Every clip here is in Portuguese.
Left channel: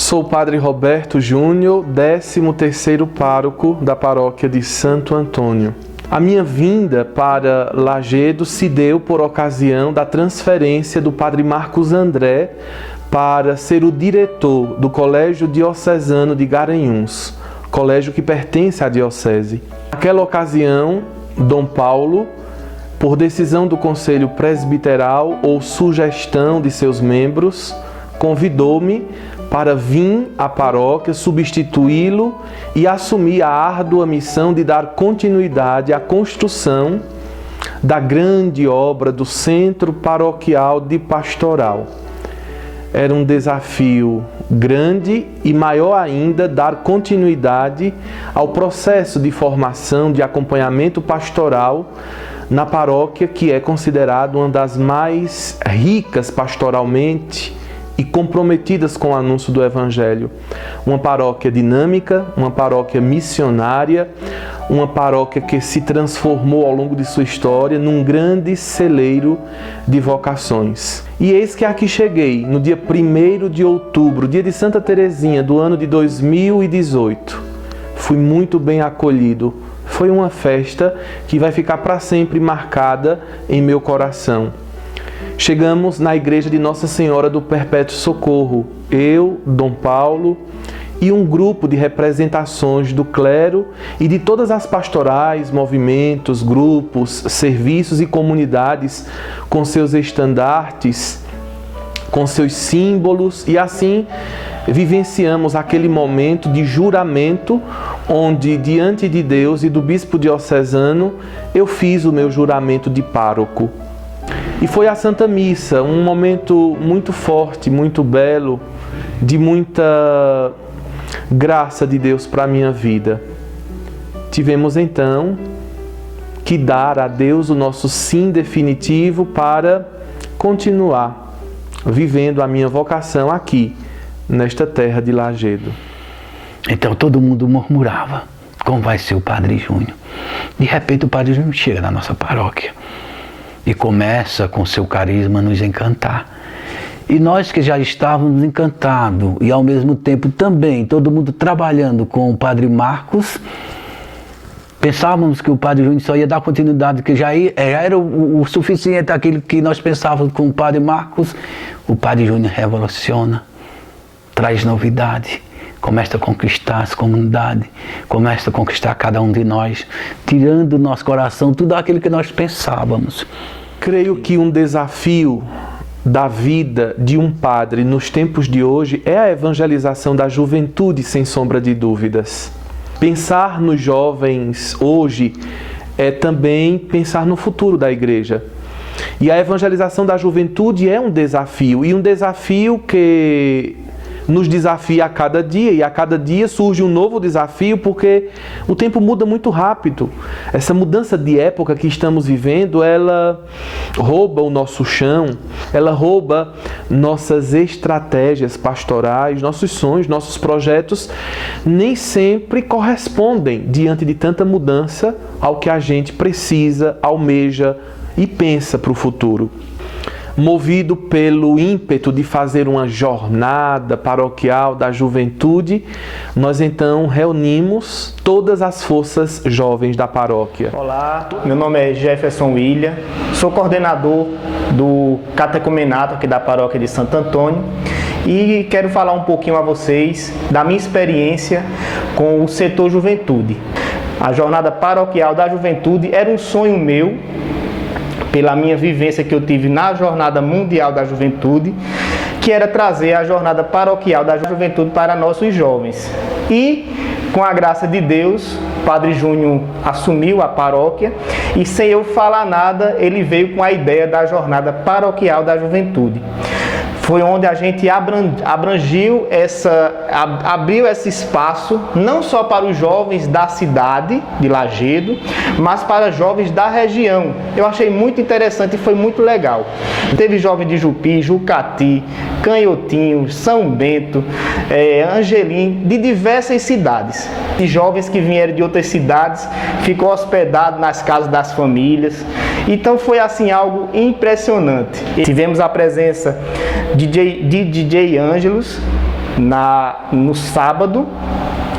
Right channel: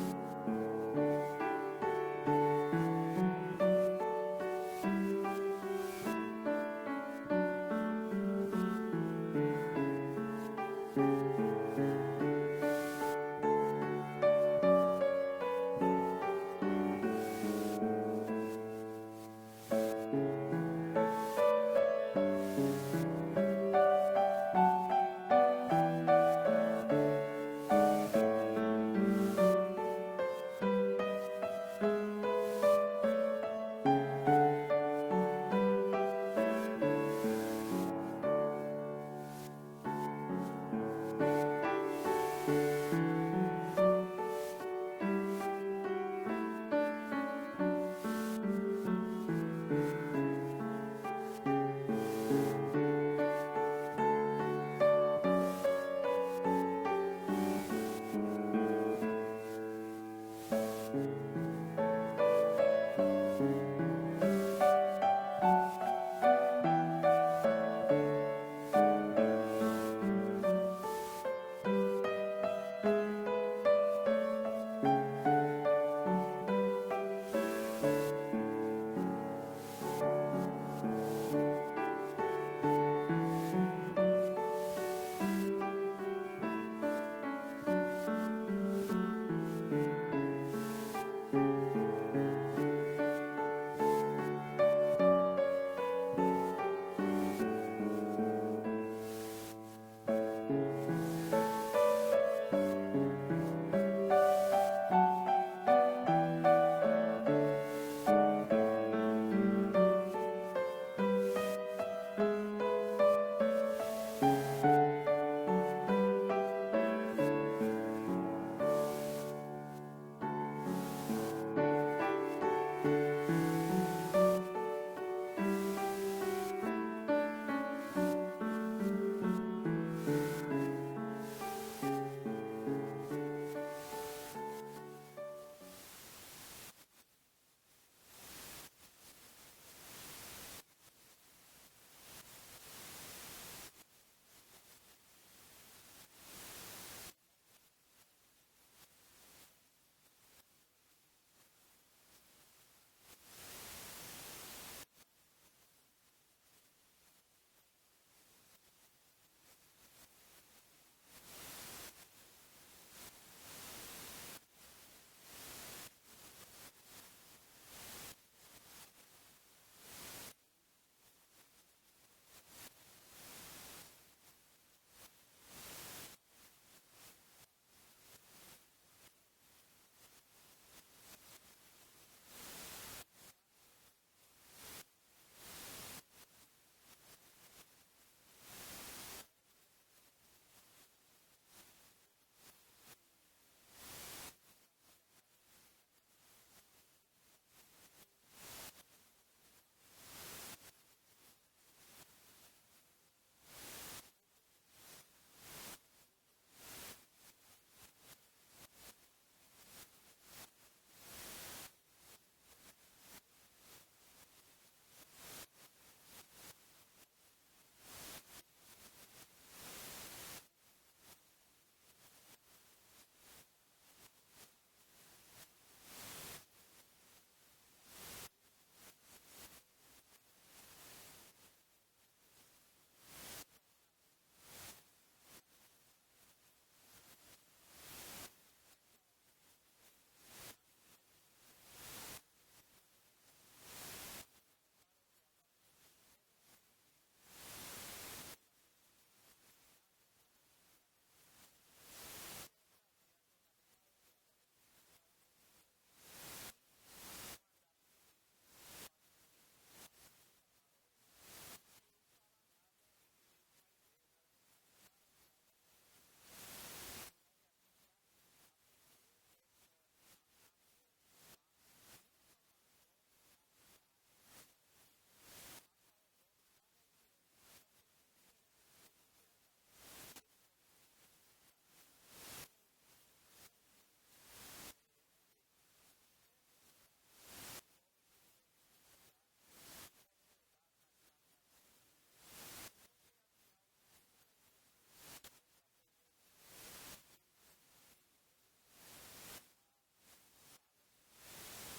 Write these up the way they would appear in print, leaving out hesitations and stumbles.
Sou o Padre Roberto Júnior, 13º pároco da paróquia de Santo Antônio. A minha vinda para Lajedo se deu por ocasião da transferência do Padre Marcos André para ser o diretor do Colégio Diocesano de Garanhuns, colégio que pertence à diocese. Naquela ocasião, Dom Paulo, por decisão do Conselho Presbiteral ou sugestão de seus membros, convidou-me para vir à paróquia, substituí-lo e assumir a árdua missão de dar continuidade à construção da grande obra do Centro Paroquial de Pastoral. Era um desafio grande e maior ainda dar continuidade ao processo de formação de acompanhamento pastoral na paróquia, que é considerada uma das mais ricas pastoralmente e comprometidas com o anúncio do Evangelho. Uma paróquia dinâmica, uma paróquia missionária, uma paróquia que se transformou ao longo de sua história num grande celeiro de vocações. E eis que aqui cheguei, no dia 1º de outubro, dia de Santa Teresinha, do ano de 2018. Fui muito bem acolhido. Foi uma festa que vai ficar para sempre marcada em meu coração. Chegamos na igreja de Nossa Senhora do Perpétuo Socorro, eu, Dom Paulo e um grupo de representações do clero e de todas as pastorais, movimentos, grupos, serviços e comunidades com seus estandartes, com seus símbolos, e assim vivenciamos aquele momento de juramento onde, diante de Deus e do bispo diocesano, eu fiz o meu juramento de pároco. E foi a Santa Missa, um momento muito forte, muito belo, de muita graça de Deus para a minha vida. Tivemos então que dar a Deus o nosso sim definitivo para continuar vivendo a minha vocação aqui, nesta terra de Lajedo. Então todo mundo murmurava, como vai ser o Padre Júnior? De repente o Padre Júnior chega na nossa paróquia e começa com seu carisma a nos encantar. E nós que já estávamos encantados e ao mesmo tempo também todo mundo trabalhando com o Padre Marcos, pensávamos que o Padre Júnior só ia dar continuidade, que já era o suficiente aquilo que nós pensávamos com o Padre Marcos. O Padre Júnior revoluciona, traz novidade, começa a conquistar as comunidades, começa a conquistar cada um de nós, tirando do nosso coração tudo aquilo que nós pensávamos. Creio que um desafio da vida de um padre nos tempos de hoje é a evangelização da juventude, sem sombra de dúvidas. Pensar nos jovens hoje é também pensar no futuro da igreja. E a evangelização da juventude é um desafio, e um desafio que nos desafia a cada dia, e a cada dia surge um novo desafio, porque o tempo muda muito rápido. Essa mudança de época que estamos vivendo, ela rouba o nosso chão, ela rouba nossas estratégias pastorais, nossos sonhos, nossos projetos, nem sempre correspondem, diante de tanta mudança, ao que a gente precisa, almeja e pensa para o futuro. Movido pelo ímpeto de fazer uma jornada paroquial da juventude, nós então reunimos todas as forças jovens da paróquia. Olá, meu nome é Jefferson William, sou coordenador do catecumenato aqui da paróquia de Santo Antônio e quero falar um pouquinho a vocês da minha experiência com o setor juventude. A jornada paroquial da juventude era um sonho meu, pela minha vivência que eu tive na Jornada Mundial da Juventude, que era trazer a Jornada Paroquial da Juventude para nossos jovens. E, com a graça de Deus, o Padre Júnior assumiu a paróquia e, sem eu falar nada, ele veio com a ideia da Jornada Paroquial da Juventude. Foi onde a gente abriu esse espaço, não só para os jovens da cidade de Lajedo, mas para jovens da região. Eu achei muito interessante e foi muito legal. Teve jovens de Jupi, Jucati, Canhotinho, São Bento, Angelim, de diversas cidades. E jovens que vieram de outras cidades, ficou hospedado nas casas das famílias. Então foi assim algo impressionante. Tivemos a presença de DJ Ângelos, no sábado,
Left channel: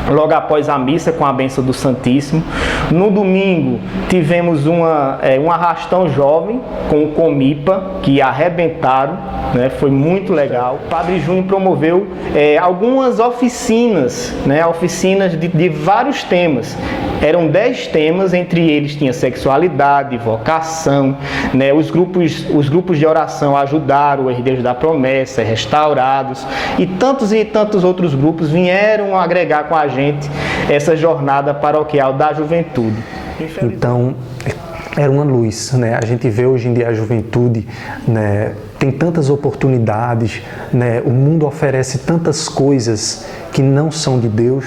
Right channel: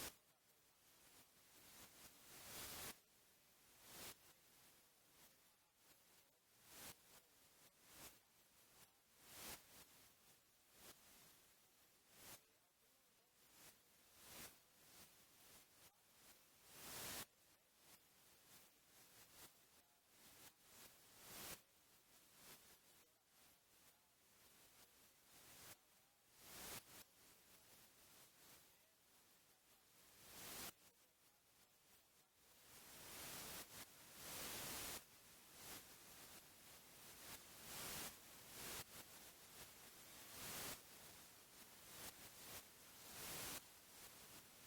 logo após a missa, com a bênção do Santíssimo. No domingo, tivemos um arrastão jovem com o Comipa, que arrebentaram, né? Foi muito legal. O Padre Júnior promoveu algumas oficinas, né? Oficinas de vários temas. Eram 10 temas, entre eles tinha sexualidade, vocação, né? Os grupos de oração ajudaram, o Herdeiros da Promessa, Restaurados, e tantos outros grupos vieram agregar com a gente essa jornada paroquial da juventude. Então, era uma luz, né? A gente vê hoje em dia a juventude, né? Tem tantas oportunidades, né? O mundo oferece tantas coisas que não são de Deus,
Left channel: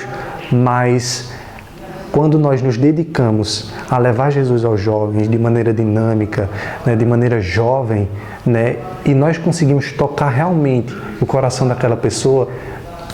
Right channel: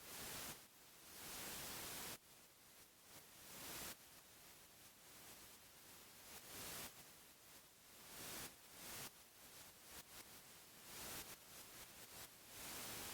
mas quando nós nos dedicamos a levar Jesus aos jovens de maneira dinâmica, né? De maneira jovem, né? E nós conseguimos tocar realmente o coração daquela pessoa,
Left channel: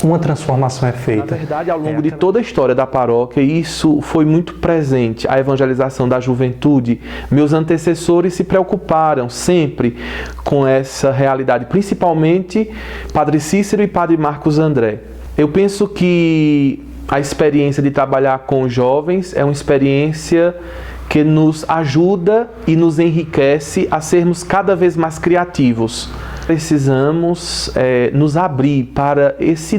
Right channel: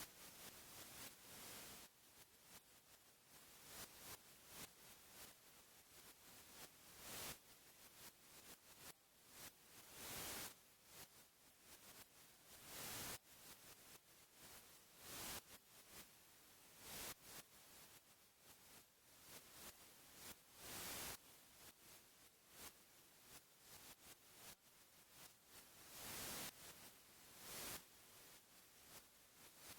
uma transformação é feita. Na verdade, ao longo de toda a história da paróquia, isso foi muito presente, a evangelização da juventude. Meus antecessores se preocuparam sempre com essa realidade, principalmente Padre Cícero e Padre Marcos André. Eu penso que a experiência de trabalhar com jovens é uma experiência que nos ajuda e nos enriquece a sermos cada vez mais criativos. Precisamos nos abrir para esse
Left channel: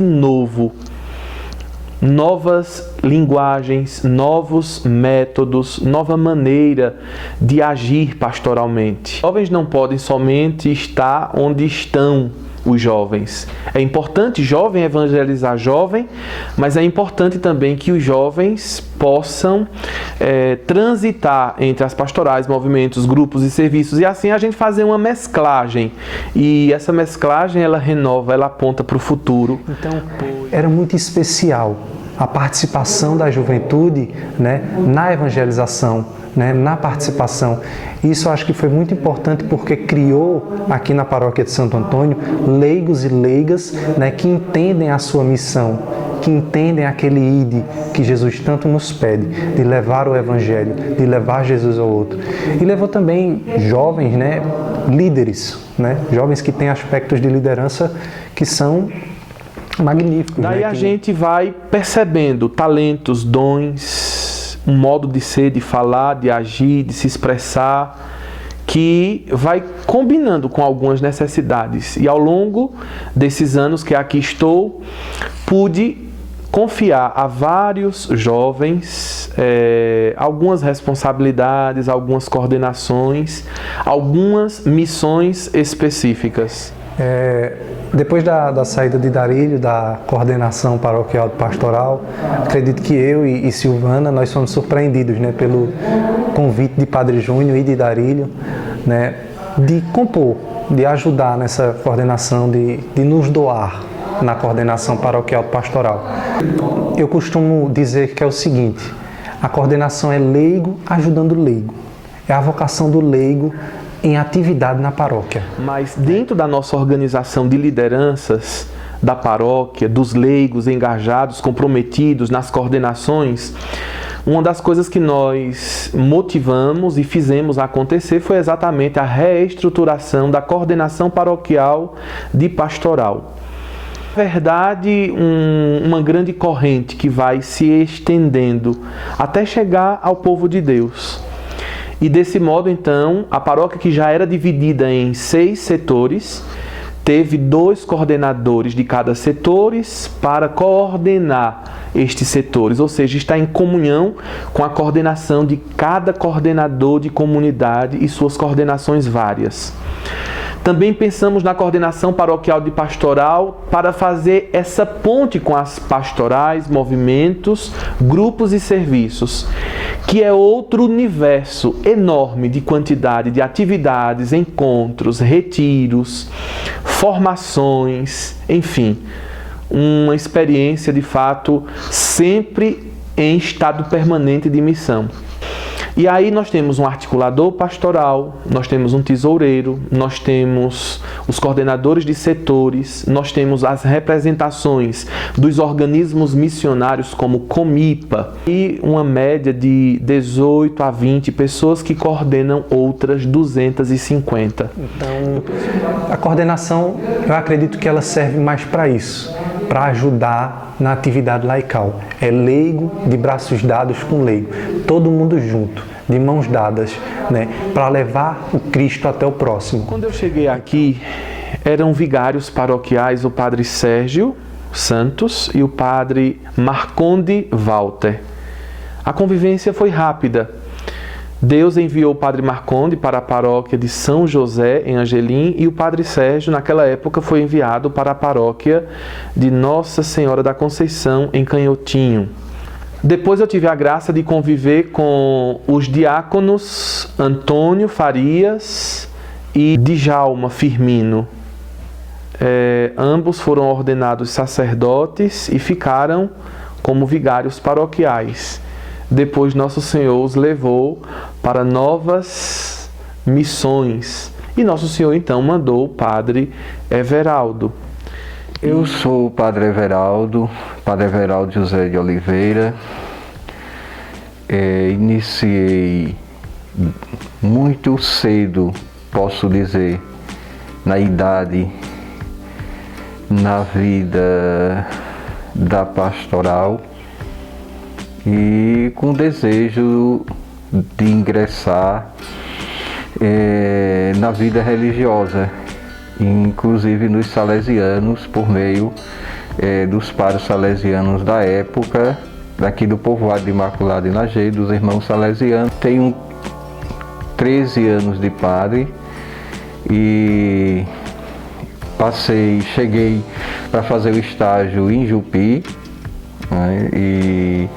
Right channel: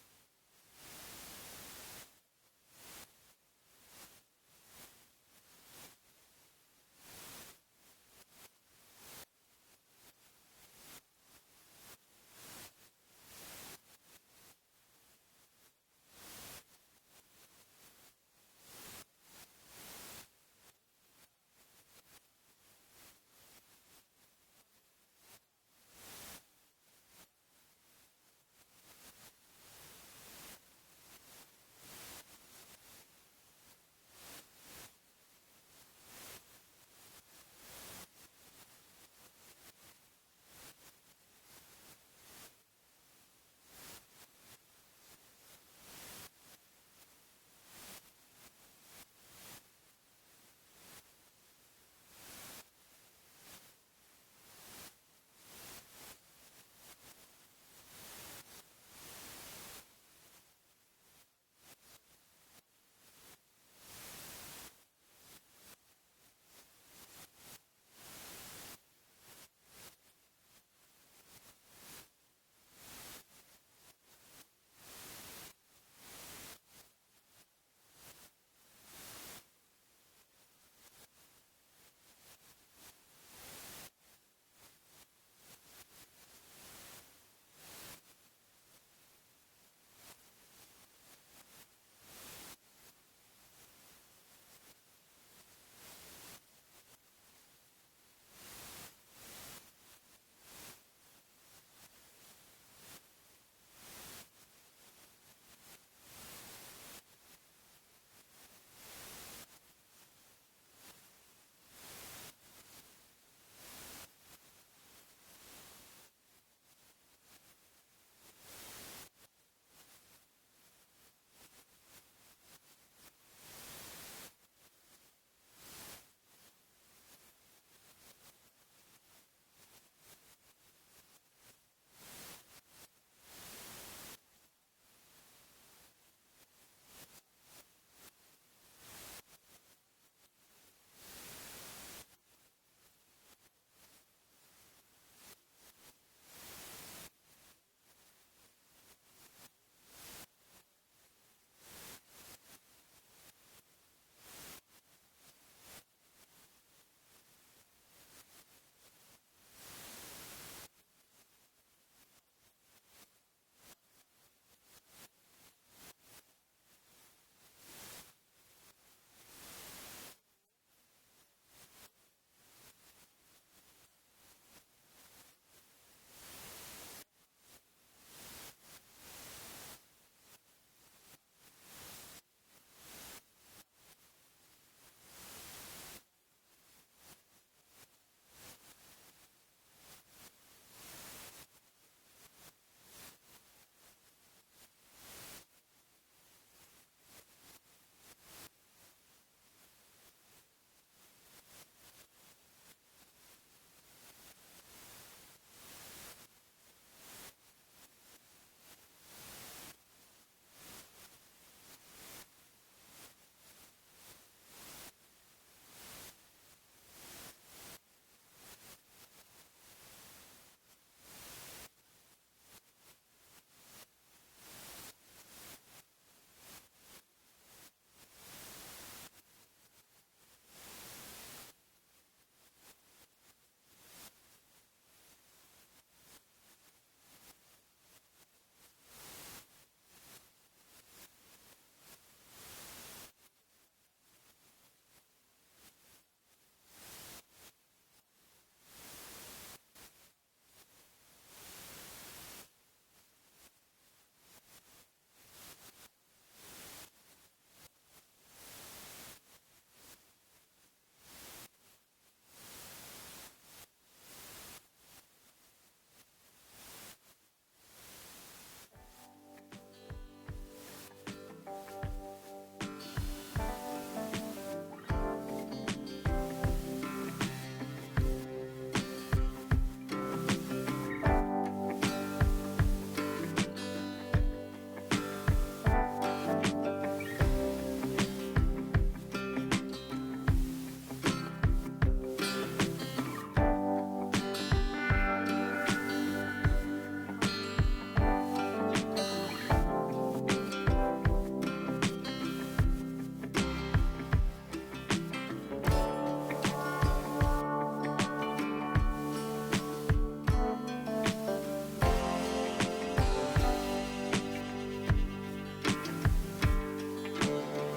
novas linguagens, novos métodos, nova maneira de agir pastoralmente. Os jovens não podem somente estar onde estão os jovens. É importante jovem evangelizar jovem, mas é importante também que os jovens possam transitar entre as pastorais, movimentos, grupos e serviços, e assim a gente fazer uma mesclagem. E essa mesclagem, ela renova, ela aponta para o futuro. Então, era muito especial a participação da juventude, né, na evangelização, né, na participação. Isso eu acho que foi muito importante porque criou aqui na paróquia de Santo Antônio leigos e leigas, né, que entendem a sua missão, que entendem aquele ide que Jesus tanto nos pede, de levar o Evangelho, de levar Jesus ao outro. E levou também jovens, né, líderes, né, jovens que têm aspectos de liderança que são magníficos. Daí né, a gente vai percebendo talentos, dons, um modo de ser, de falar, de agir, de se expressar, que vai combinando com algumas necessidades. E ao longo desses anos que aqui estou, pude confiar a vários jovens algumas responsabilidades, algumas coordenações, algumas missões específicas. Depois da saída de Darílio, da coordenação paroquial pastoral, acredito que eu e Silvana, nós fomos surpreendidos, né, pelo convite de Padre Júnior e de Darílio, né, de compor, de ajudar nessa coordenação, de nos doar na coordenação paroquial pastoral. Eu costumo dizer que é o seguinte: a coordenação é leigo ajudando leigo, é a vocação do leigo em atividade na paróquia. Mas dentro da nossa organização de lideranças da paróquia, dos leigos engajados, comprometidos nas coordenações, uma das coisas que nós motivamos e fizemos acontecer foi exatamente a reestruturação da coordenação paroquial de pastoral. Na verdade, uma grande corrente que vai se estendendo até chegar ao povo de Deus. E desse modo, então, a paróquia, que já era dividida em 6 setores, teve 2 coordenadores de cada setor para coordenar estes setores, ou seja, está em comunhão com a coordenação de cada coordenador de comunidade e suas coordenações várias. Também pensamos na coordenação paroquial de pastoral para fazer essa ponte com as pastorais, movimentos, grupos e serviços, que é outro universo enorme de quantidade de atividades, encontros, retiros, formações, enfim, uma experiência de fato sempre em estado permanente de missão. E aí nós temos um articulador pastoral, nós temos um tesoureiro, nós temos os coordenadores de setores, nós temos as representações dos organismos missionários como Comipa e uma média de 18 a 20 pessoas que coordenam outras 250. Então, a coordenação, eu acredito que ela serve mais para isso, para ajudar na atividade laical. É leigo de braços dados com leigo, todo mundo junto, de mãos dadas, né, para levar o Cristo até o próximo. Quando eu cheguei aqui, eram vigários paroquiais o padre Sérgio Santos e o padre Marconde Walter. A convivência foi rápida. Deus enviou o padre Marconde para a paróquia de São José, em Angelim, e o padre Sérgio, naquela época, foi enviado para a paróquia de Nossa Senhora da Conceição, em Canhotinho. Depois eu tive a graça de conviver com os diáconos Antônio Farias e Djalma Firmino. Ambos foram ordenados sacerdotes e ficaram como vigários paroquiais. Depois Nosso Senhor os levou para novas missões. E Nosso Senhor então mandou o padre Everaldo. Eu sou o padre Everaldo José de Oliveira. Iniciei muito cedo, posso dizer, na idade, na vida da pastoral, e com desejo de ingressar na vida religiosa, inclusive nos salesianos, por meio dos padres salesianos da época, daqui do povoado de Imaculada e Lajeado, dos irmãos salesianos. Tenho 13 anos de padre e cheguei para fazer o estágio em Jupi, né, e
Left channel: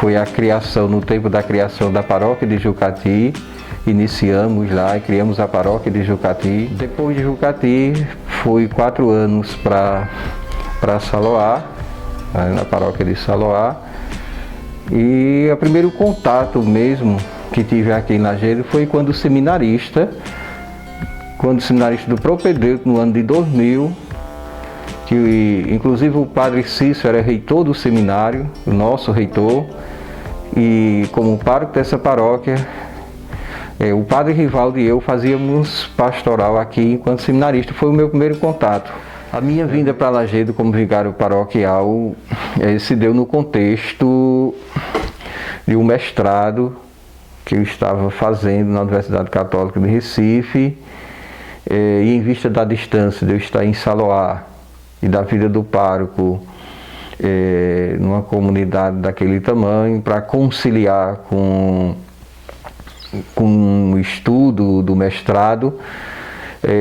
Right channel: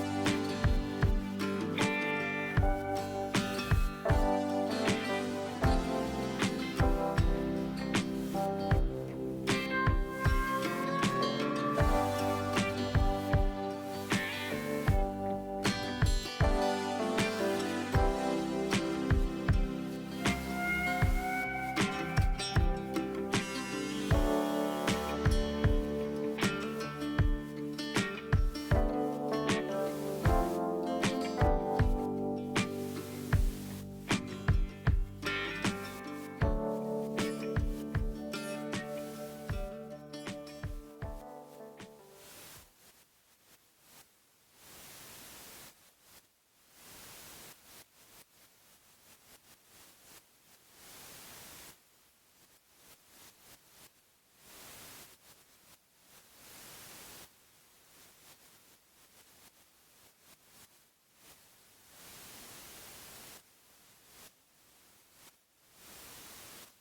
foi a criação, no tempo da criação da paróquia de Jucati, iniciamos lá e criamos a paróquia de Jucati. Depois de Jucati, fui 4 anos para Saloá, na paróquia de Saloá. E o primeiro contato mesmo que tive aqui em Lajeado foi quando seminarista do propedêutico, no ano de 2000, que inclusive o padre Cício era reitor do seminário, o nosso reitor, e como pároco dessa paróquia, o padre Rivaldo e eu fazíamos pastoral aqui enquanto seminarista. Foi o meu primeiro contato. A minha vinda para Lajeado como vigário paroquial se deu no contexto de um mestrado que eu estava fazendo na Universidade Católica de Recife, e em vista da distância de eu estar em Saloá e da vida do pároco numa comunidade daquele tamanho, para conciliar com o estudo do mestrado,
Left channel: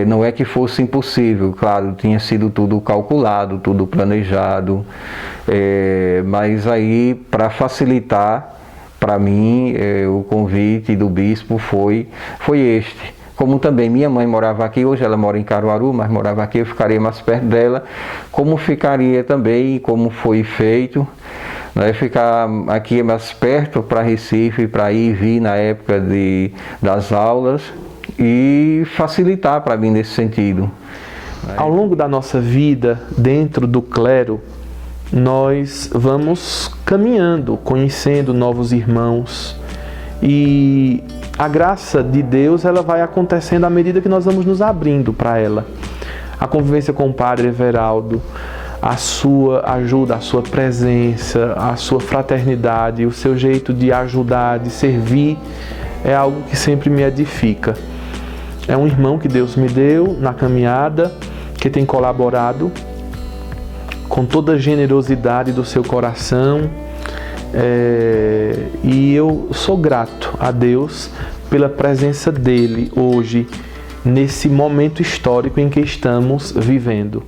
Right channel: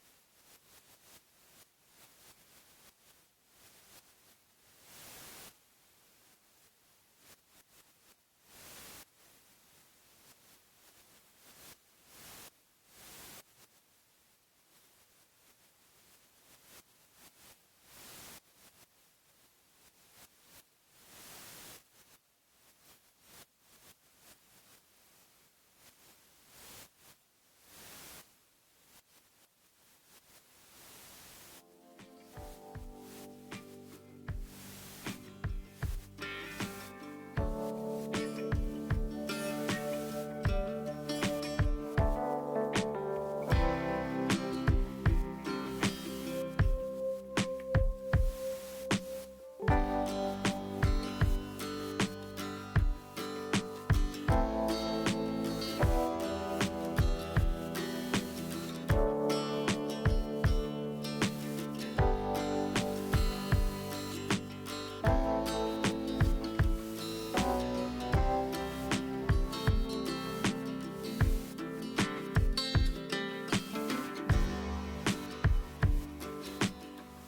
não é que fosse impossível, claro, tinha sido tudo calculado, tudo planejado, mas aí, para facilitar para mim, o convite do bispo foi este. Como também minha mãe morava aqui, hoje ela mora em Caruaru, mas morava aqui, eu ficaria mais perto dela, como ficaria também, como foi feito, né, ficar aqui mais perto para Recife, para ir e vir na época das aulas, e facilitar para mim nesse sentido. Ao longo da nossa vida dentro do clero, nós vamos caminhando, conhecendo novos irmãos, e a graça de Deus ela vai acontecendo à medida que nós vamos nos abrindo para ela. A convivência com o padre Everaldo, a sua ajuda, a sua presença, a sua fraternidade, o seu jeito de ajudar, de servir, é algo que sempre me edifica. É um irmão que Deus me deu na caminhada, que tem colaborado com toda a generosidade do seu coração, e eu sou grato a Deus pela presença dele hoje, nesse momento histórico em que estamos vivendo.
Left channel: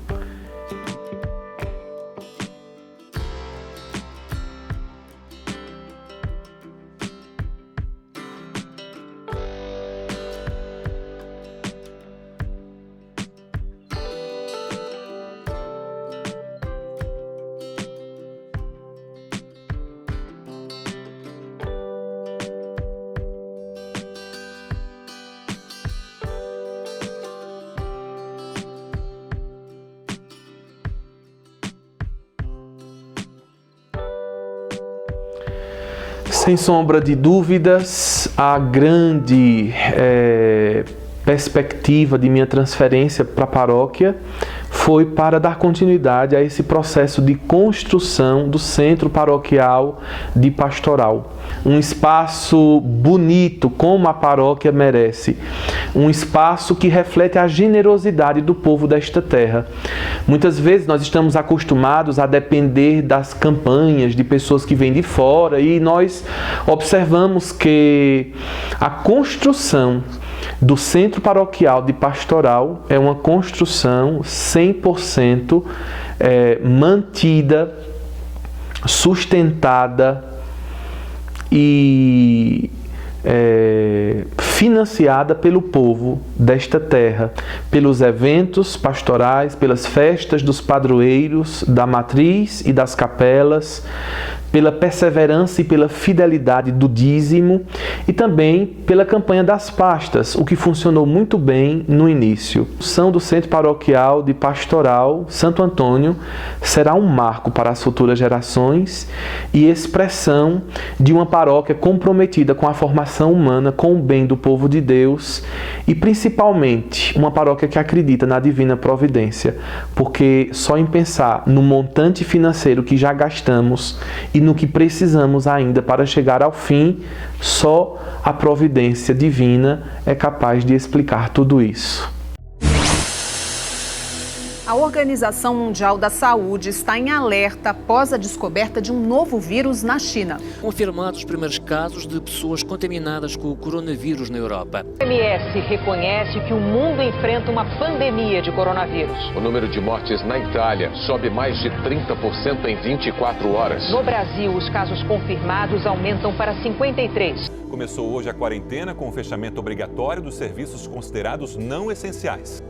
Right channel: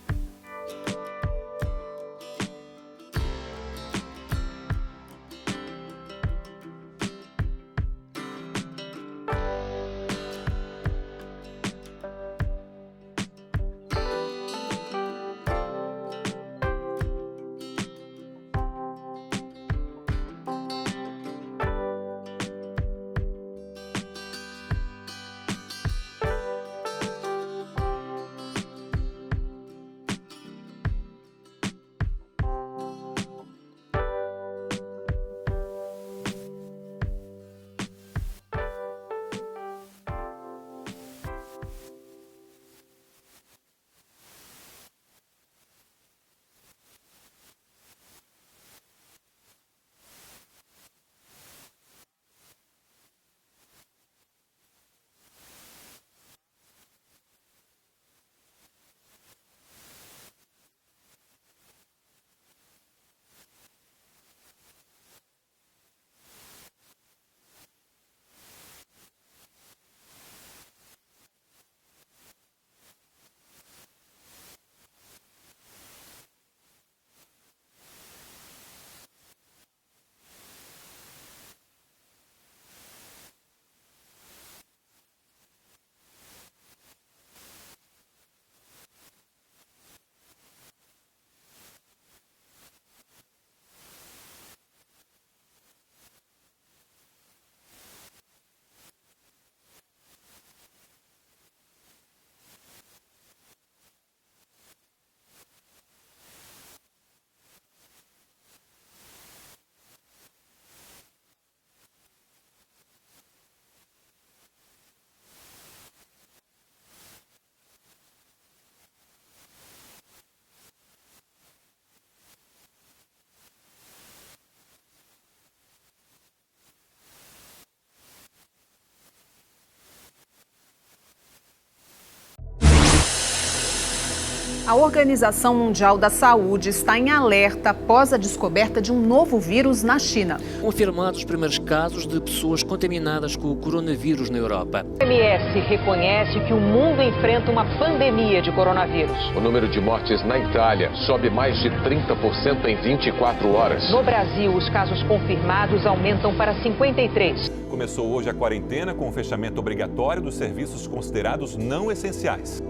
Sem sombra de dúvidas, a grande perspectiva de minha transferência para a paróquia foi para dar continuidade a esse processo de construção do Centro Paroquial de Pastoral. Um espaço bonito, como a paróquia merece. Um espaço que reflete a generosidade do povo desta terra. Muitas vezes nós estamos acostumados a depender das campanhas de pessoas que vêm de fora e nós observamos que a construção do Centro Paroquial de Pastoral é uma construção 100% mantida, sustentada e financiada pelo povo desta terra, pelos eventos pastorais, pelas festas dos padroeiros, da matriz e das capelas, pela perseverança e pela fidelidade do dízimo e também pela campanha das pastas, o que funcionou muito bem no início. A construção do Centro Paroquial de Pastoral Santo Antônio será um marco para as futuras gerações e expressão de uma paróquia comprometida com a formação humana, com o bem do povo de Deus e principalmente uma paróquia que acredita na divina providência, porque só em pensar no montante financeiro que já gastamos e no que precisamos ainda para chegar ao fim, só a providência divina é capaz de explicar tudo isso. A Organização Mundial da Saúde está em alerta após a descoberta de um novo vírus na China. Confirmados os primeiros casos de pessoas contaminadas com o coronavírus na Europa. A OMS reconhece que o mundo enfrenta uma pandemia de coronavírus. O número de mortes na Itália sobe mais de 30% em 24 horas. No Brasil, os casos confirmados aumentam para 53. Começou hoje a quarentena com o fechamento obrigatório dos serviços considerados não essenciais.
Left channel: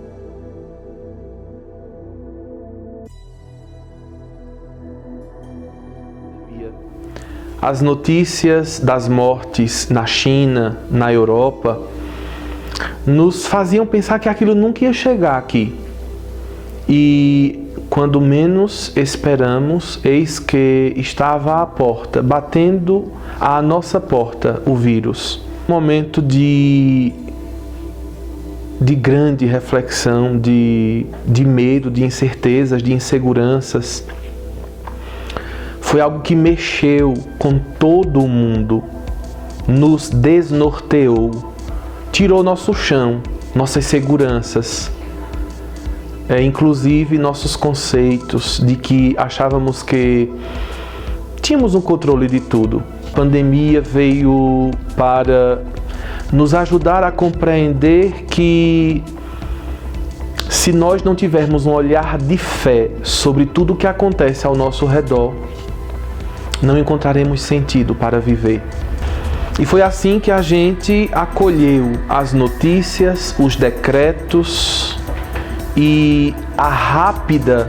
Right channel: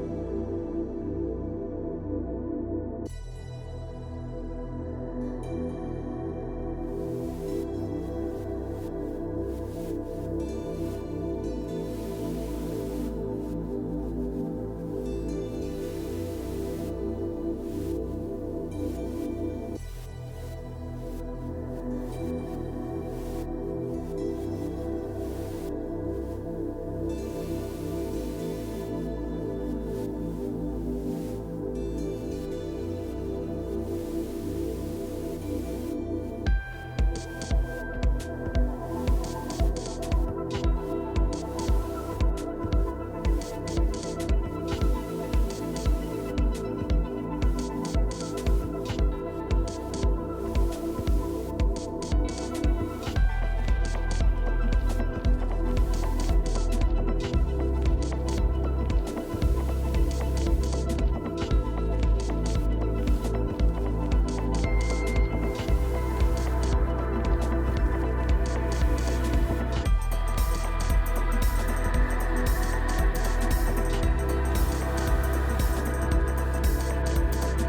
As notícias das mortes na China, na Europa, nos faziam pensar que aquilo nunca ia chegar aqui. E quando menos esperamos, eis que estava à porta, batendo à nossa porta o vírus. Um momento de grande reflexão, de medo, de incertezas, de inseguranças. Foi algo que mexeu com todo o mundo, nos desnorteou, tirou nosso chão, nossas seguranças, inclusive nossos conceitos de que achávamos que tínhamos um controle de tudo. A pandemia veio para nos ajudar a compreender que se nós não tivermos um olhar de fé sobre tudo o que acontece ao nosso redor, não encontraremos sentido para viver. E foi assim que a gente acolheu as notícias, os decretos e a rápida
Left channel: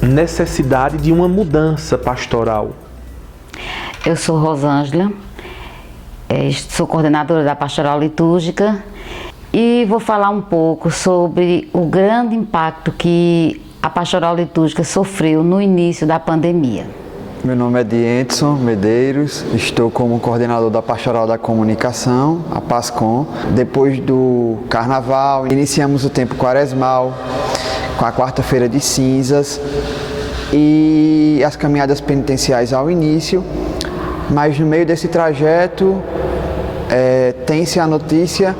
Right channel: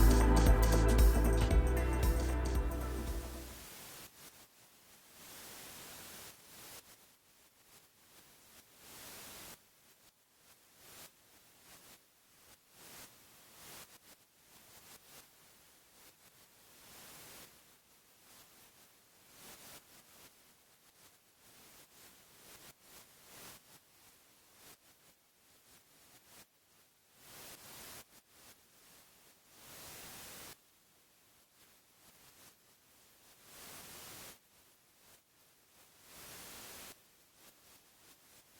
necessidade de uma mudança pastoral. Eu sou Rosângela, sou coordenadora da Pastoral Litúrgica e vou falar um pouco sobre o grande impacto que a Pastoral Litúrgica sofreu no início da pandemia. Meu nome é Diendson Medeiros, estou como coordenador da Pastoral da Comunicação, a PASCOM. Depois do Carnaval, iniciamos o tempo quaresmal, com a quarta-feira de cinzas e as caminhadas penitenciais ao início, mas no meio desse trajeto tem-se a notícia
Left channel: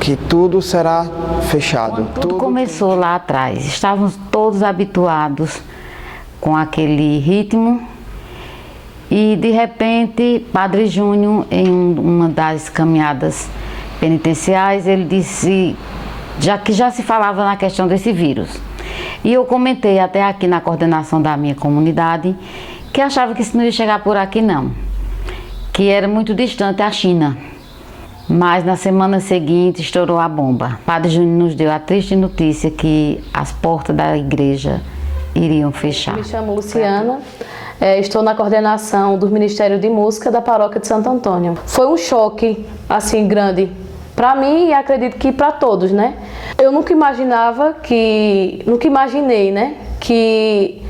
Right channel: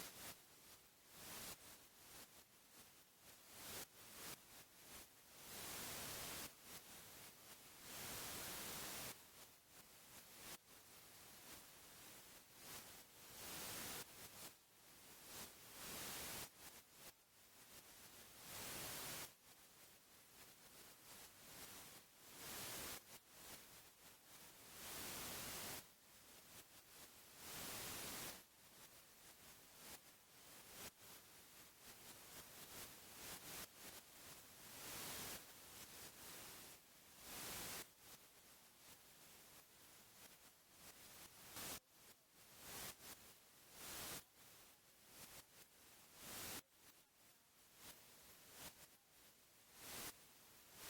que tudo será fechado. Tudo começou lá atrás, estávamos todos habituados com aquele ritmo e de repente Padre Júnior, em uma das caminhadas penitenciais, ele disse que já se falava na questão desse vírus. E eu comentei até aqui na coordenação da minha comunidade que achava que isso não ia chegar por aqui não, que era muito distante a China. Mas na semana seguinte estourou a bomba. Padre Júnior nos deu a triste notícia que as portas da igreja iriam fechar. Me chamo Luciana, estou na coordenação do Ministério de Música da Paróquia de Santo Antônio. Foi um choque assim grande para mim e acredito que para todos, né? Eu nunca imaginei, né, que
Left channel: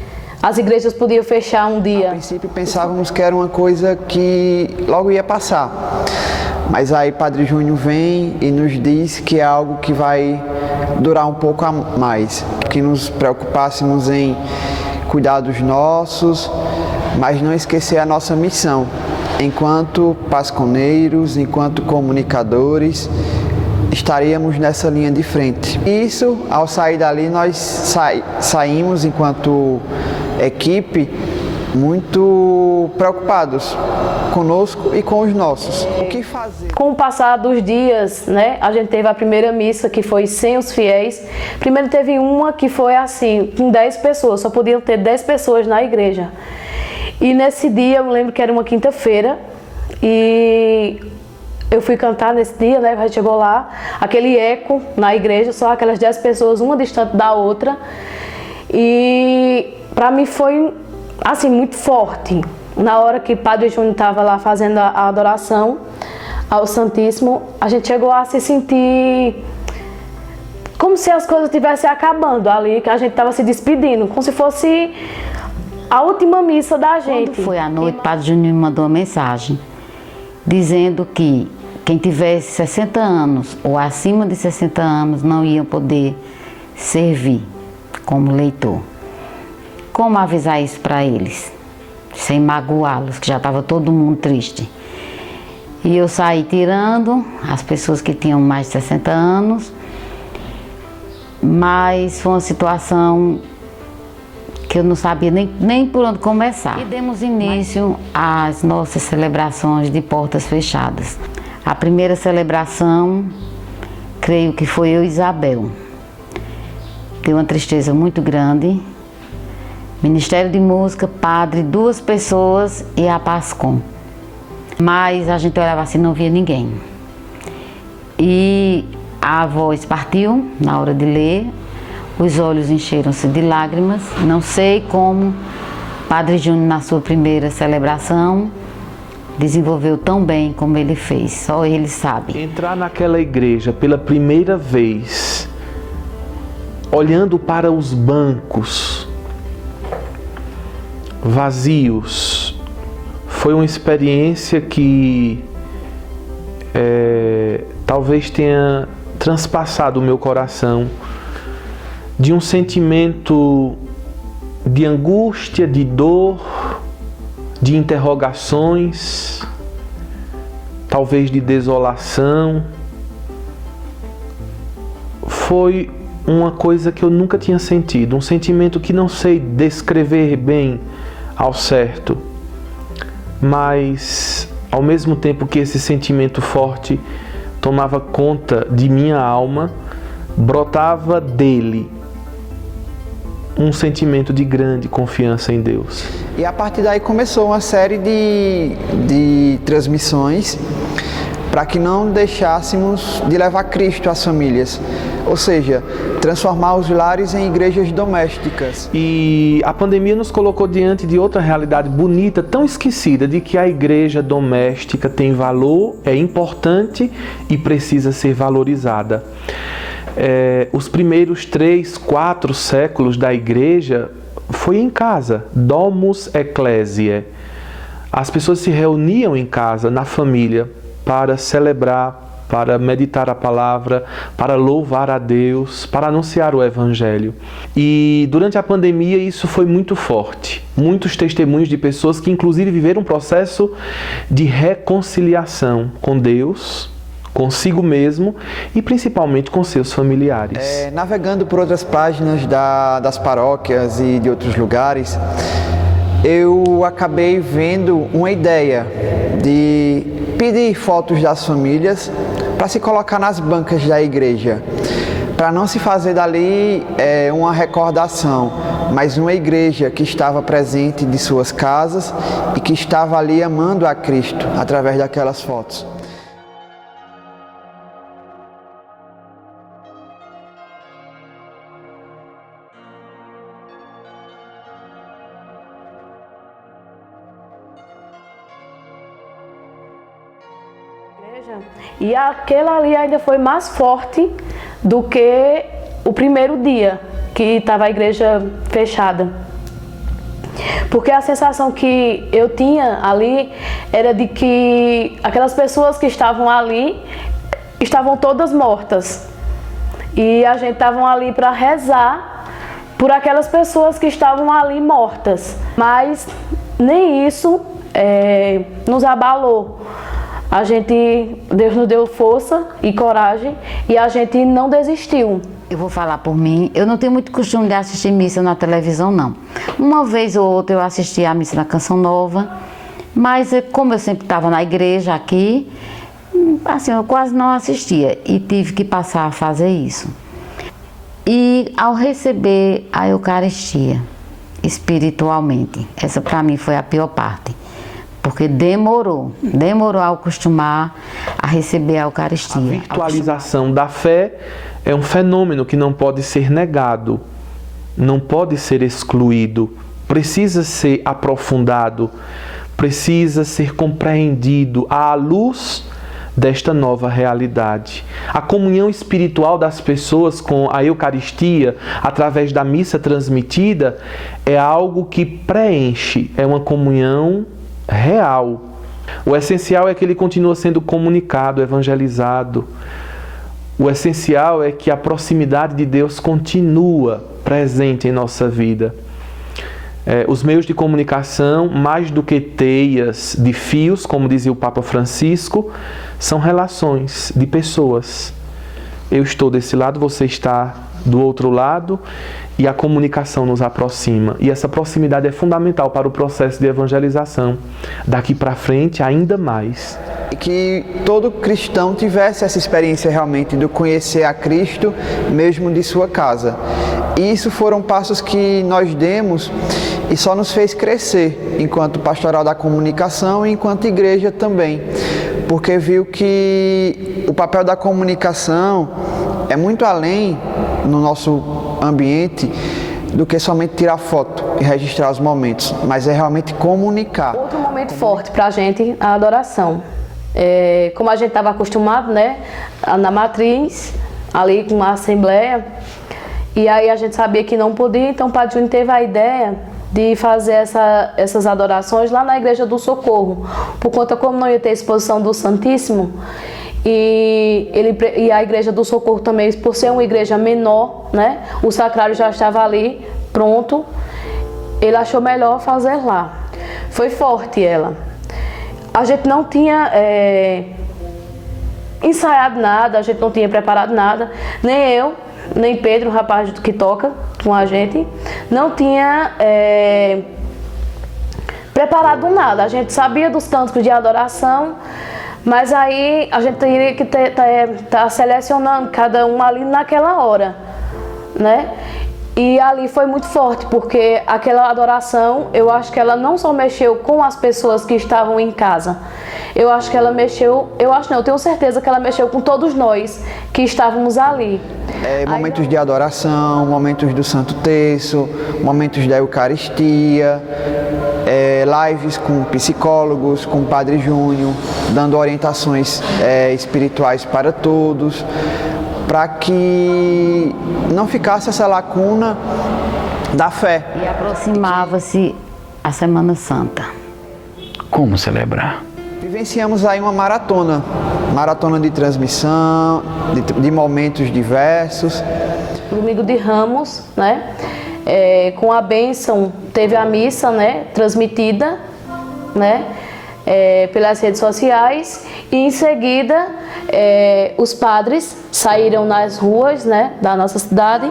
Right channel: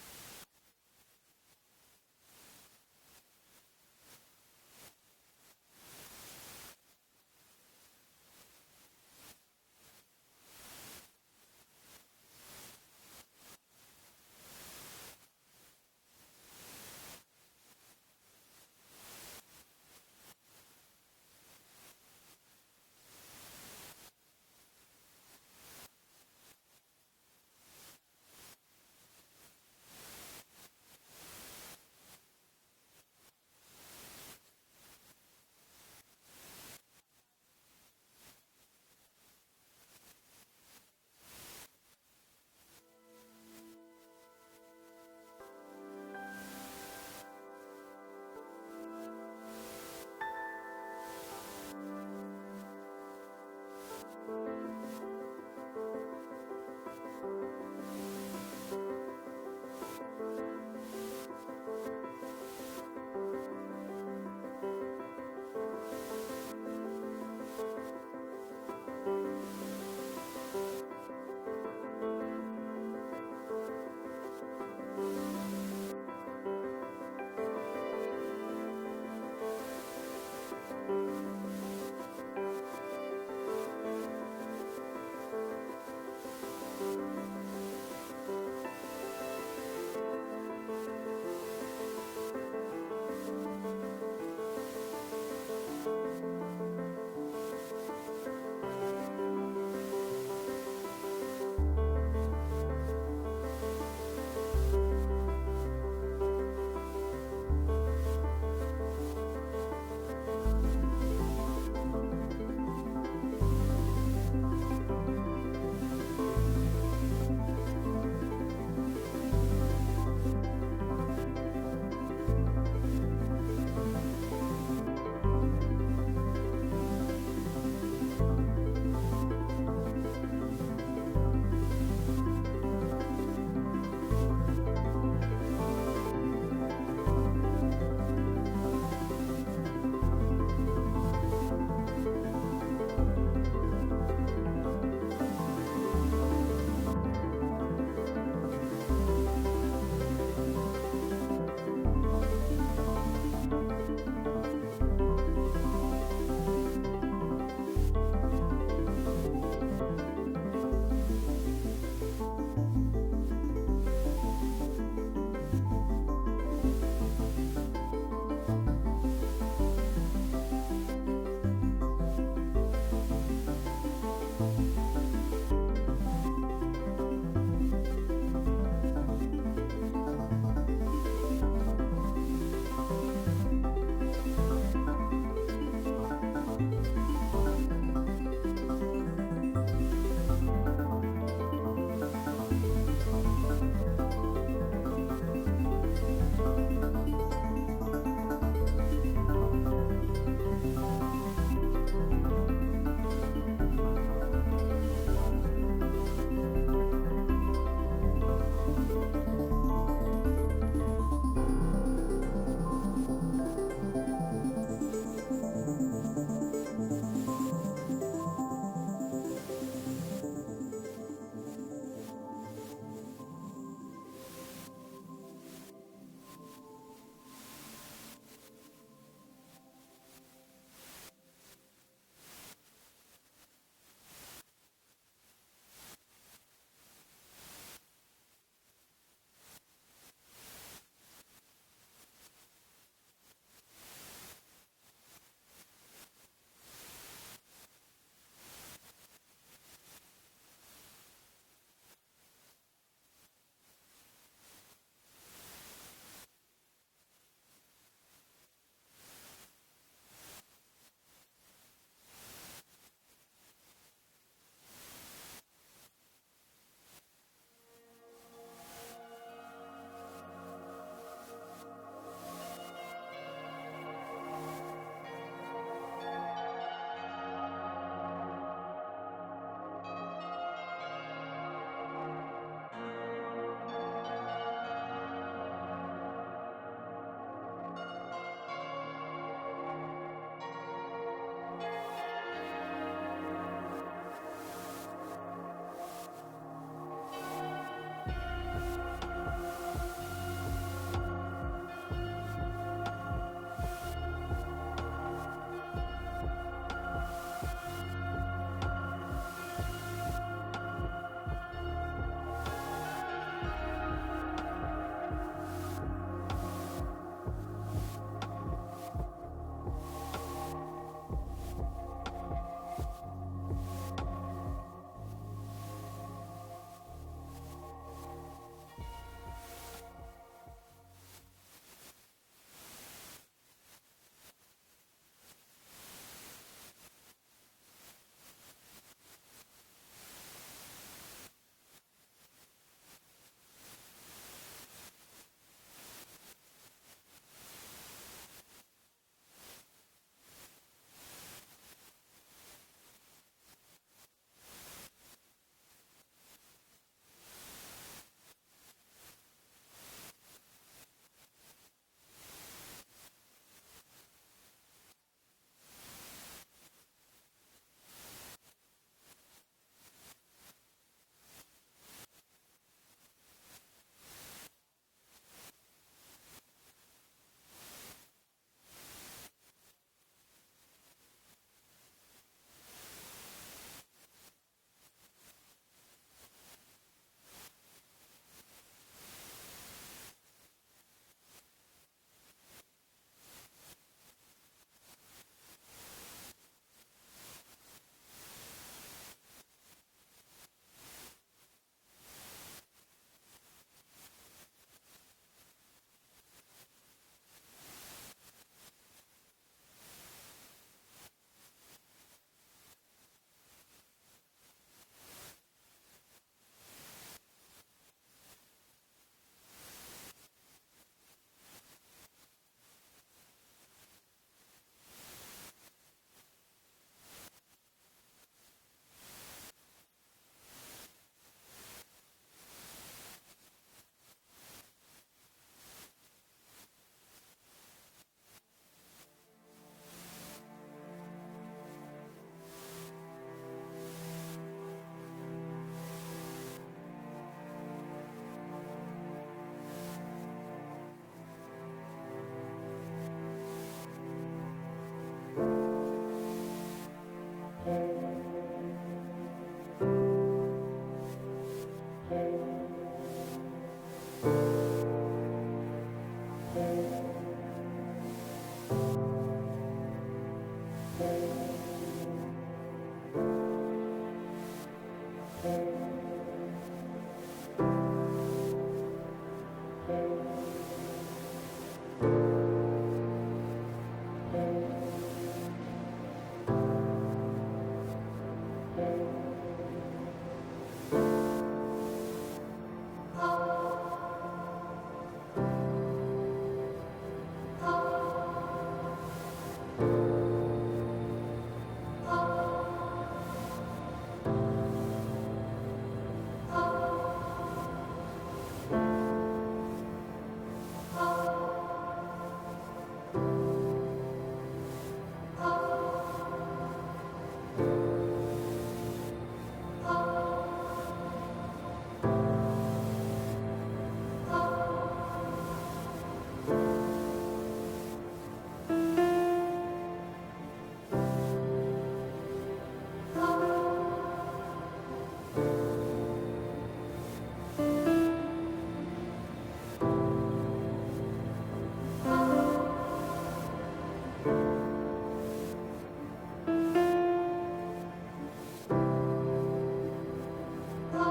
as igrejas podiam fechar um dia. A princípio pensávamos que era uma coisa que logo ia passar. Mas aí Padre Júnior vem e nos diz que é algo que vai durar um pouco a mais, que nos preocupássemos em cuidar dos nossos, mas não esquecer a nossa missão, enquanto pasconeiros, enquanto comunicadores, estaríamos nessa linha de frente. Isso, ao sair dali, nós saímos enquanto equipe muito preocupados conosco e com os nossos. O que fazer? Com o passar dos dias, né, a gente teve a primeira missa que foi sem os fiéis. Primeiro teve uma que foi assim, com 10 pessoas, só podiam ter 10 pessoas na igreja. E nesse dia, eu me lembro que era uma quinta-feira, e eu fui cantar nesse dia, né, a gente chegou lá, aquele eco na igreja, só aquelas 10 pessoas, uma distante da outra. E para mim foi assim, muito forte. Na hora que Padre Júnior estava lá fazendo a adoração ao Santíssimo, a gente chegou a se sentir como se as coisas estivessem acabando ali, que a gente estava se despedindo, como se fosse a última missa da gente. Quando foi à noite, Padre Júnior me mandou uma mensagem dizendo que quem tivesse 60 anos ou acima de 60 anos não ia poder servir como leitor. Como avisar isso para eles, sem magoá-los, que já estava todo mundo triste. E eu saí tirando as pessoas que tinham mais de 60 anos, mas foi uma situação que eu não sabia nem por onde começar. E demos início às nossas celebrações de portas fechadas. A primeira celebração, creio que foi eu e Isabel. Deu uma tristeza muito grande. Ministério de Música, padre, 2 pessoas e a Pascom. Mas a gente olhava assim, não via ninguém. E a voz partiu na hora de ler, os olhos encheram-se de lágrimas. Não sei como Padre Júnior, na sua primeira celebração, desenvolveu tão bem como ele fez, só ele sabe. Entrar naquela igreja pela primeira vez, olhando para os bancos vazios, foi uma experiência que talvez tenha transpassado o meu coração de um sentimento de angústia, de dor, de interrogações, talvez de desolação. Foi uma coisa que eu nunca tinha sentido, um sentimento que não sei descrever bem ao certo, mas ao mesmo tempo que esse sentimento forte tomava conta de minha alma, brotava dele um sentimento de grande confiança em Deus. E a partir daí começou uma série de transmissões para que não deixássemos de levar Cristo às famílias, ou seja, transformar os lares em igrejas domésticas. E a pandemia nos colocou diante de outra realidade bonita, tão esquecida, de que a igreja doméstica tem valor, é importante e precisa ser valorizada. Os primeiros 3, 4 séculos da igreja foi em casa, domus ecclesiae. As pessoas se reuniam em casa, na família, para celebrar, para meditar a palavra, para louvar a Deus, para anunciar o Evangelho. E durante a pandemia isso foi muito forte. Muitos testemunhos de pessoas que inclusive viveram um processo de reconciliação com Deus, consigo mesmo e principalmente com seus familiares. Navegando por outras páginas das paróquias e de outros lugares, eu acabei vendo uma ideia de pedir fotos das famílias para se colocar nas bancas da igreja, para não se fazer dali uma recordação, mas uma igreja que estava presente de suas casas e que estava ali amando a Cristo através daquelas fotos. E aquela ali ainda foi mais forte do que o primeiro dia que estava a igreja fechada. Porque a sensação que eu tinha ali era de que aquelas pessoas que estavam ali estavam todas mortas. E a gente estava ali para rezar por aquelas pessoas que estavam ali mortas. Mas nem isso nos abalou. Deus nos deu força e coragem e a gente não desistiu. Eu vou falar por mim, eu não tenho muito costume de assistir missa na televisão, não. Uma vez ou outra eu assisti a missa na Canção Nova, mas como eu sempre estava na igreja aqui, assim, eu quase não assistia e tive que passar a fazer isso. E ao receber a Eucaristia, espiritualmente, essa para mim foi a pior parte. Porque demorou a acostumar a receber a Eucaristia. A virtualização da fé é um fenômeno que não pode ser negado, não pode ser excluído, precisa ser aprofundado, precisa ser compreendido à luz desta nova realidade. A comunhão espiritual das pessoas com a Eucaristia, através da missa transmitida, é algo que preenche, é uma comunhão real. O essencial é que ele continua sendo comunicado, evangelizado. O essencial é que a proximidade de Deus continua presente em nossa vida. Os meios de comunicação, mais do que teias de fios, como dizia o Papa Francisco, são relações de pessoas. Eu estou desse lado, você está do outro lado, e a comunicação nos aproxima. E essa proximidade é fundamental para o processo de evangelização. Daqui para frente, ainda mais. Que todo cristão tivesse essa experiência realmente de conhecer a Cristo, mesmo de sua casa. E isso foram passos que nós demos e só nos fez crescer, enquanto pastoral da comunicação e enquanto igreja também. Porque viu que o papel da comunicação é muito além, no nosso ambiente, do que somente tirar foto e registrar os momentos, mas é realmente comunicar. Outro momento forte para a gente, a adoração. Como a gente estava acostumado, né, na matriz, ali com uma assembleia, e aí a gente sabia que não podia, então o Padre Júnior teve a ideia de fazer essas adorações lá na Igreja do Socorro, por conta como não ia ter exposição do Santíssimo, e a Igreja do Socorro também, por ser uma igreja menor, né, o sacrário já estava ali, pronto, ele achou melhor fazer lá. Foi forte ela. A gente não tinha ensaiado nada, a gente não tinha preparado nada, nem eu, nem Pedro, o rapaz que toca com a gente, não tinha preparado nada. A gente sabia dos cânticos de adoração, mas aí a gente teria que estar selecionando cada um ali naquela hora, né? E ali foi muito forte, porque aquela adoração, eu acho que ela não só mexeu com as pessoas que estavam em casa, eu acho que ela mexeu, eu tenho certeza que ela mexeu com todos nós que estávamos ali. Momentos de adoração, momentos do Santo Terço, momentos da Eucaristia, lives com psicólogos, com o Padre Júnior, dando orientações espirituais para todos, para que não ficasse essa lacuna da fé. E aproximava-se a Semana Santa. Como celebrar? Vivenciamos aí uma maratona de transmissão, de momentos diversos. Domingo de Ramos, né? Com a bênção, teve a missa, né, transmitida, né, pelas redes sociais, e em seguida os padres saíram nas ruas, né, da nossa cidade,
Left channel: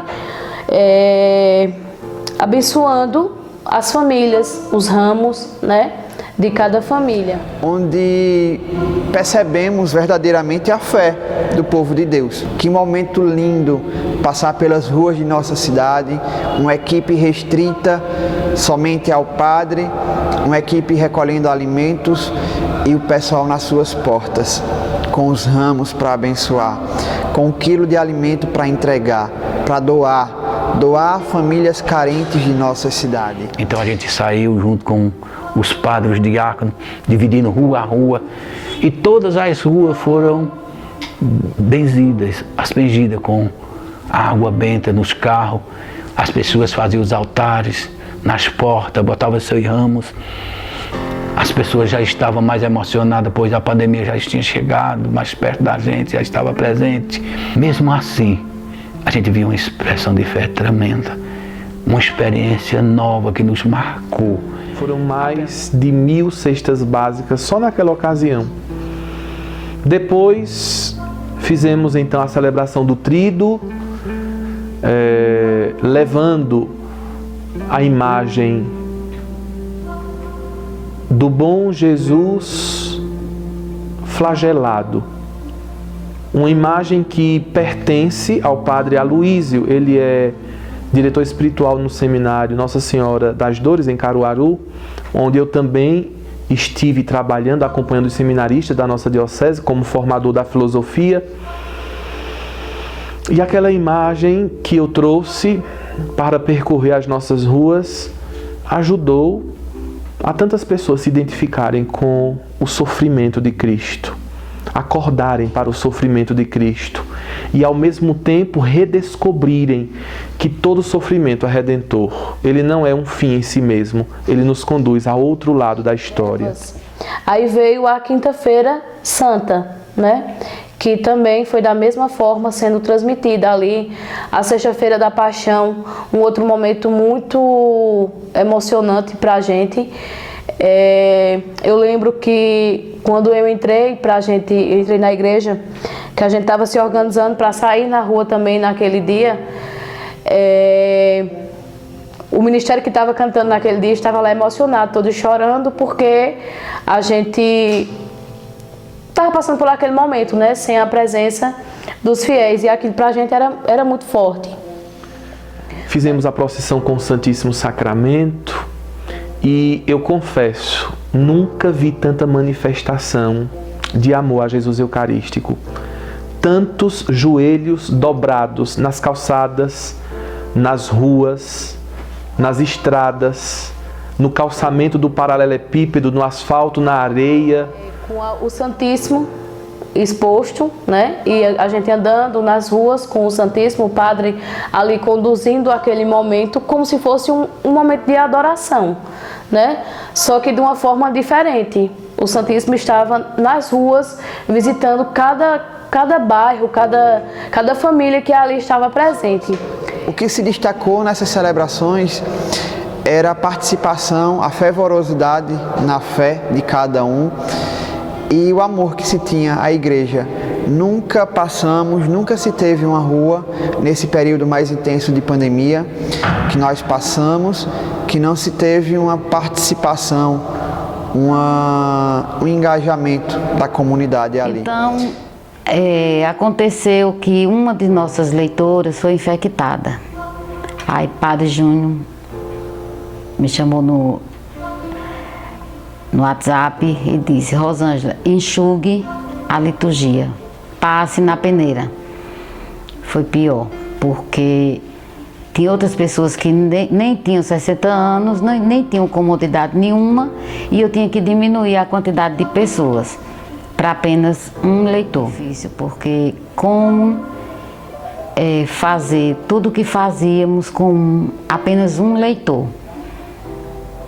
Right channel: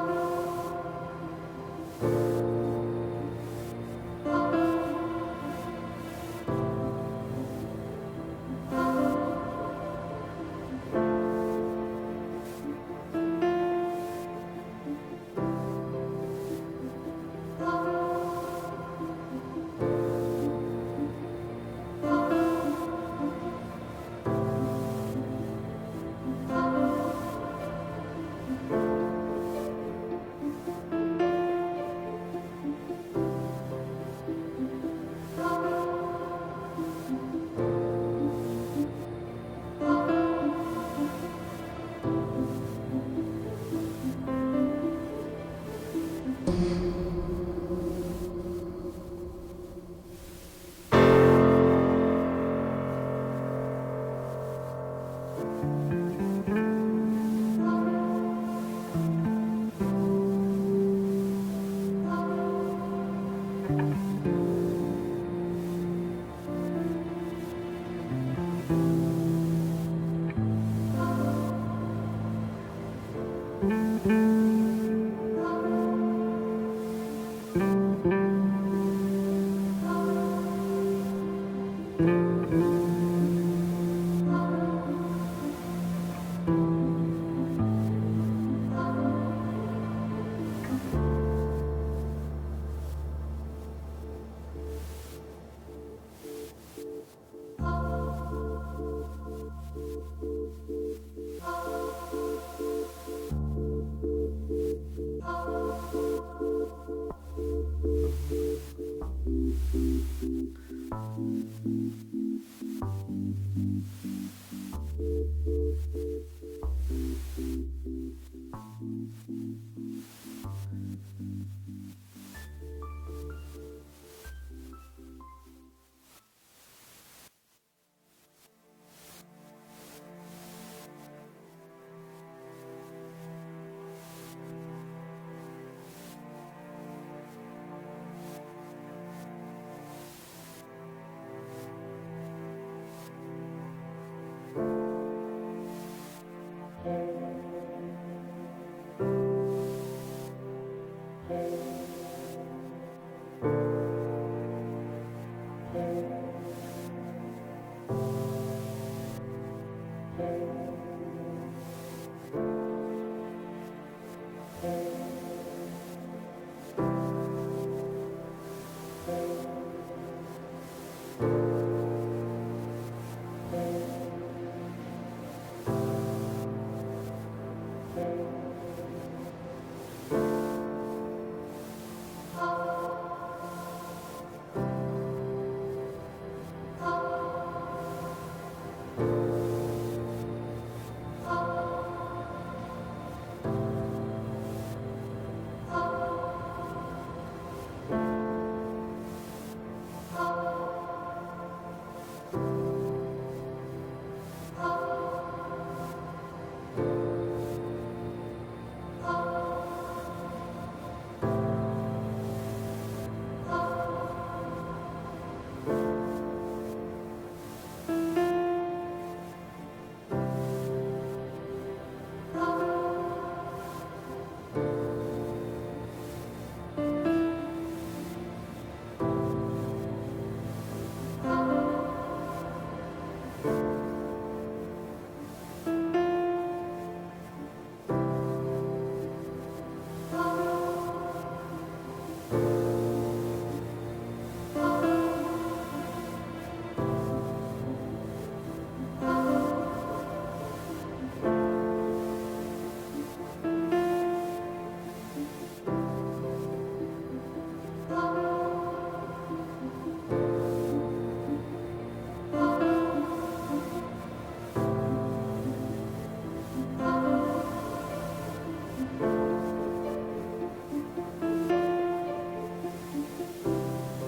abençoando as famílias, os ramos, né, de cada família. Onde percebemos verdadeiramente a fé do povo de Deus. Que momento lindo passar pelas ruas de nossa cidade, uma equipe restrita somente ao padre, uma equipe recolhendo alimentos e o pessoal nas suas portas, com os ramos para abençoar, com 1 quilo de alimento para entregar, para doar a famílias carentes de nossa cidade. Então a gente saiu junto com os padres, os diáconos, dividindo rua a rua, e todas as ruas foram benzidas, aspergidas com água benta nos carros, as pessoas faziam os altares, nas portas, botava seus ramos. As pessoas já estavam mais emocionadas, pois a pandemia já tinha chegado mais perto da gente, já estava presente. Mesmo assim, a gente viu uma expressão de fé tremenda, uma experiência nova que nos marcou. Foram mais de 1000 cestas básicas só naquela ocasião. Depois fizemos então a celebração do Tríduo, levando a imagem do bom Jesus flagelado. Uma imagem que pertence ao padre Aloísio. Ele é diretor espiritual no seminário Nossa Senhora das Dores, em Caruaru, onde eu também estive trabalhando, acompanhando os seminaristas da nossa diocese, como formador da filosofia. E aquela imagem que eu trouxe para percorrer as nossas ruas ajudou a tantas pessoas se identificarem com o sofrimento de Cristo, acordarem para o sofrimento de Cristo e ao mesmo tempo redescobrirem que todo sofrimento é redentor. Ele não é um fim em si mesmo, ele nos conduz a outro lado da história. Aí veio a Quinta-feira Santa, né? Que também foi da mesma forma sendo transmitida ali, a Sexta-feira da Paixão, um outro momento muito emocionante para a gente. Eu lembro que quando eu entrei na igreja, que a gente estava se organizando para sair na rua também naquele dia, o ministério que estava cantando naquele dia estava lá emocionado, todos chorando, porque a gente estava passando por aquele momento, né, sem a presença dos fiéis, e aquilo para a gente era muito forte. Fizemos a procissão com o Santíssimo Sacramento e eu confesso, nunca vi tanta manifestação de amor a Jesus Eucarístico. Tantos joelhos dobrados nas calçadas, nas ruas, nas estradas, no calçamento do paralelepípedo, no asfalto, na areia. Com o Santíssimo exposto, né? E a gente andando nas ruas com o Santíssimo, o padre ali conduzindo aquele momento como se fosse um momento de adoração, né? Só que de uma forma diferente. O Santíssimo estava nas ruas visitando cada bairro, cada família que ali estava presente. O que se destacou nessas celebrações era a participação, a fervorosidade na fé de cada um e o amor que se tinha à igreja. Nunca se teve uma rua nesse período mais intenso de pandemia que nós passamos, que não se teve uma participação, um engajamento da comunidade ali. Então, aconteceu que uma de nossas leitoras foi infectada. Aí Padre Júnior me chamou no WhatsApp e disse: Rosângela, enxugue a liturgia, passe na peneira. Foi pior, porque tinha outras pessoas que nem tinham 60 anos, nem tinham comodidade nenhuma, e eu tinha que diminuir a quantidade de pessoas para apenas um leitor. Difícil, porque como fazer tudo o que fazíamos com apenas um leitor?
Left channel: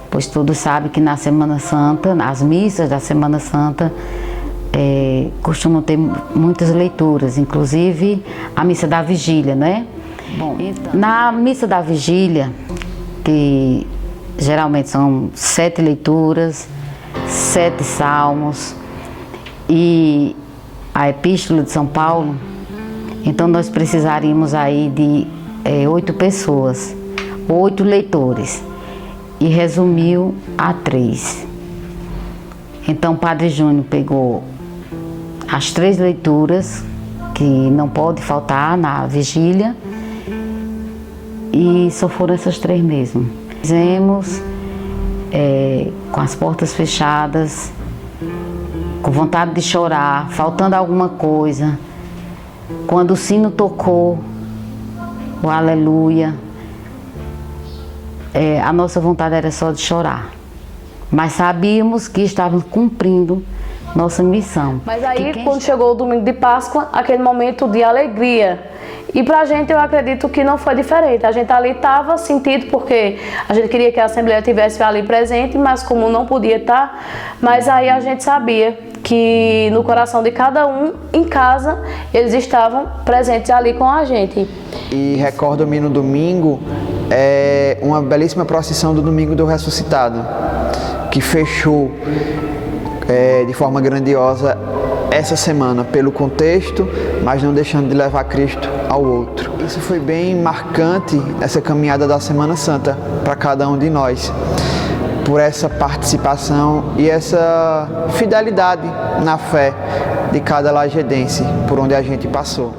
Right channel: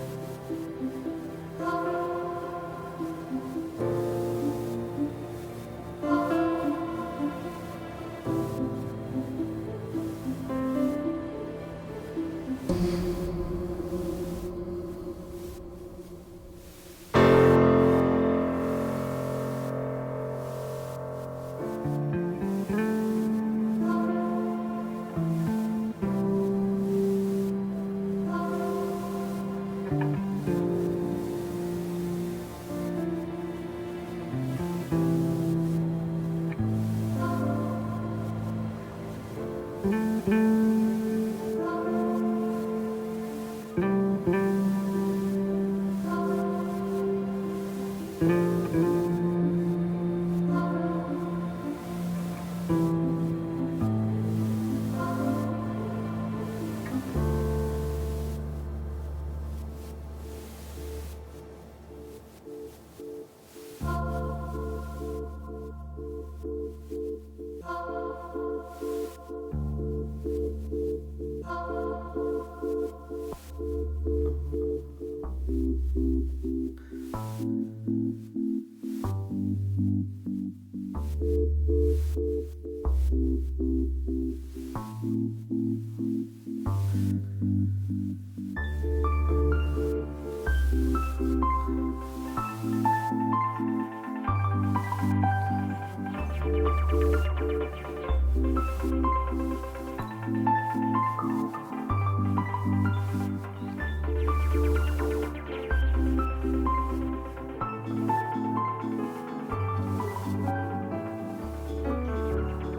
Pois todos sabem que na Semana Santa, nas missas da Semana Santa, costumam ter muitas leituras, inclusive a missa da vigília, né? Bom, então, na missa da vigília, que geralmente são 7 leituras, 7 salmos e a Epístola de São Paulo, então nós precisaríamos aí de 8 pessoas, 8 leitores. E resumiu a 3. Então o Padre Júnior pegou as 3 leituras, que não pode faltar na vigília, e só foram essas 3 mesmo. Fizemos com as portas fechadas, com vontade de chorar, faltando alguma coisa. Quando o sino tocou, o aleluia, a nossa vontade era só de chorar, mas sabíamos que estávamos cumprindo nossa missão. Mas aí, quando chegou o domingo de Páscoa, aquele momento de alegria, E pra gente, eu acredito que não foi diferente. A gente ali estava sentido porque a gente queria que a Assembleia estivesse ali presente, mas como não podia estar, mas aí a gente sabia que no coração de cada um, em casa, eles estavam presentes ali com a gente. E recordo-me no domingo, uma belíssima procissão do Domingo do Ressuscitado, que fechou de forma grandiosa essa semana pelo contexto, mas não deixando de levar Cristo ao outro. Isso foi bem marcante, essa caminhada da Semana Santa para cada um de nós, por essa participação e essa fidelidade na fé de cada lajedense por onde a gente passou.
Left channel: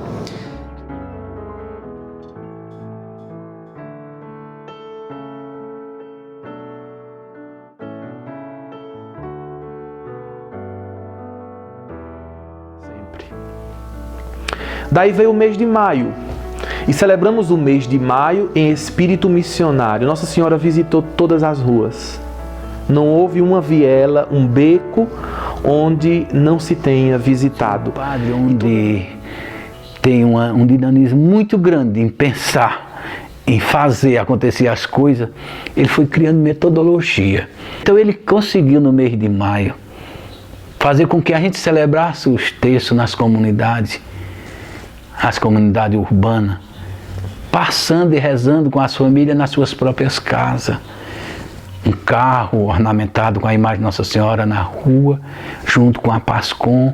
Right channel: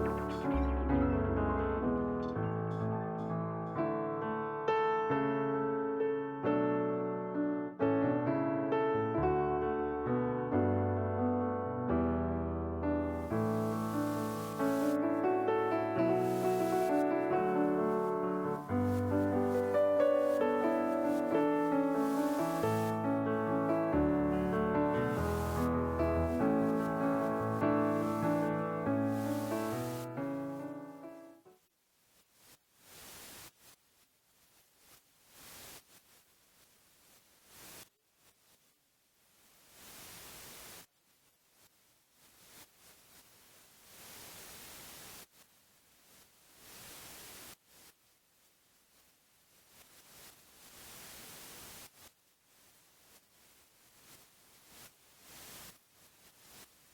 Daí veio o mês de maio, e celebramos o mês de maio em espírito missionário. Nossa Senhora visitou todas as ruas. Não houve uma viela, um beco, onde não se tenha visitado. Padre, onde tem um dinamismo muito grande em pensar, em fazer acontecer as coisas, ele foi criando metodologia. Então ele conseguiu no mês de maio fazer com que a gente celebrasse os textos nas comunidades, as comunidades urbanas, passando e rezando com as famílias nas suas próprias casas. Um carro ornamentado com a imagem de Nossa Senhora na rua, junto com a Pascom.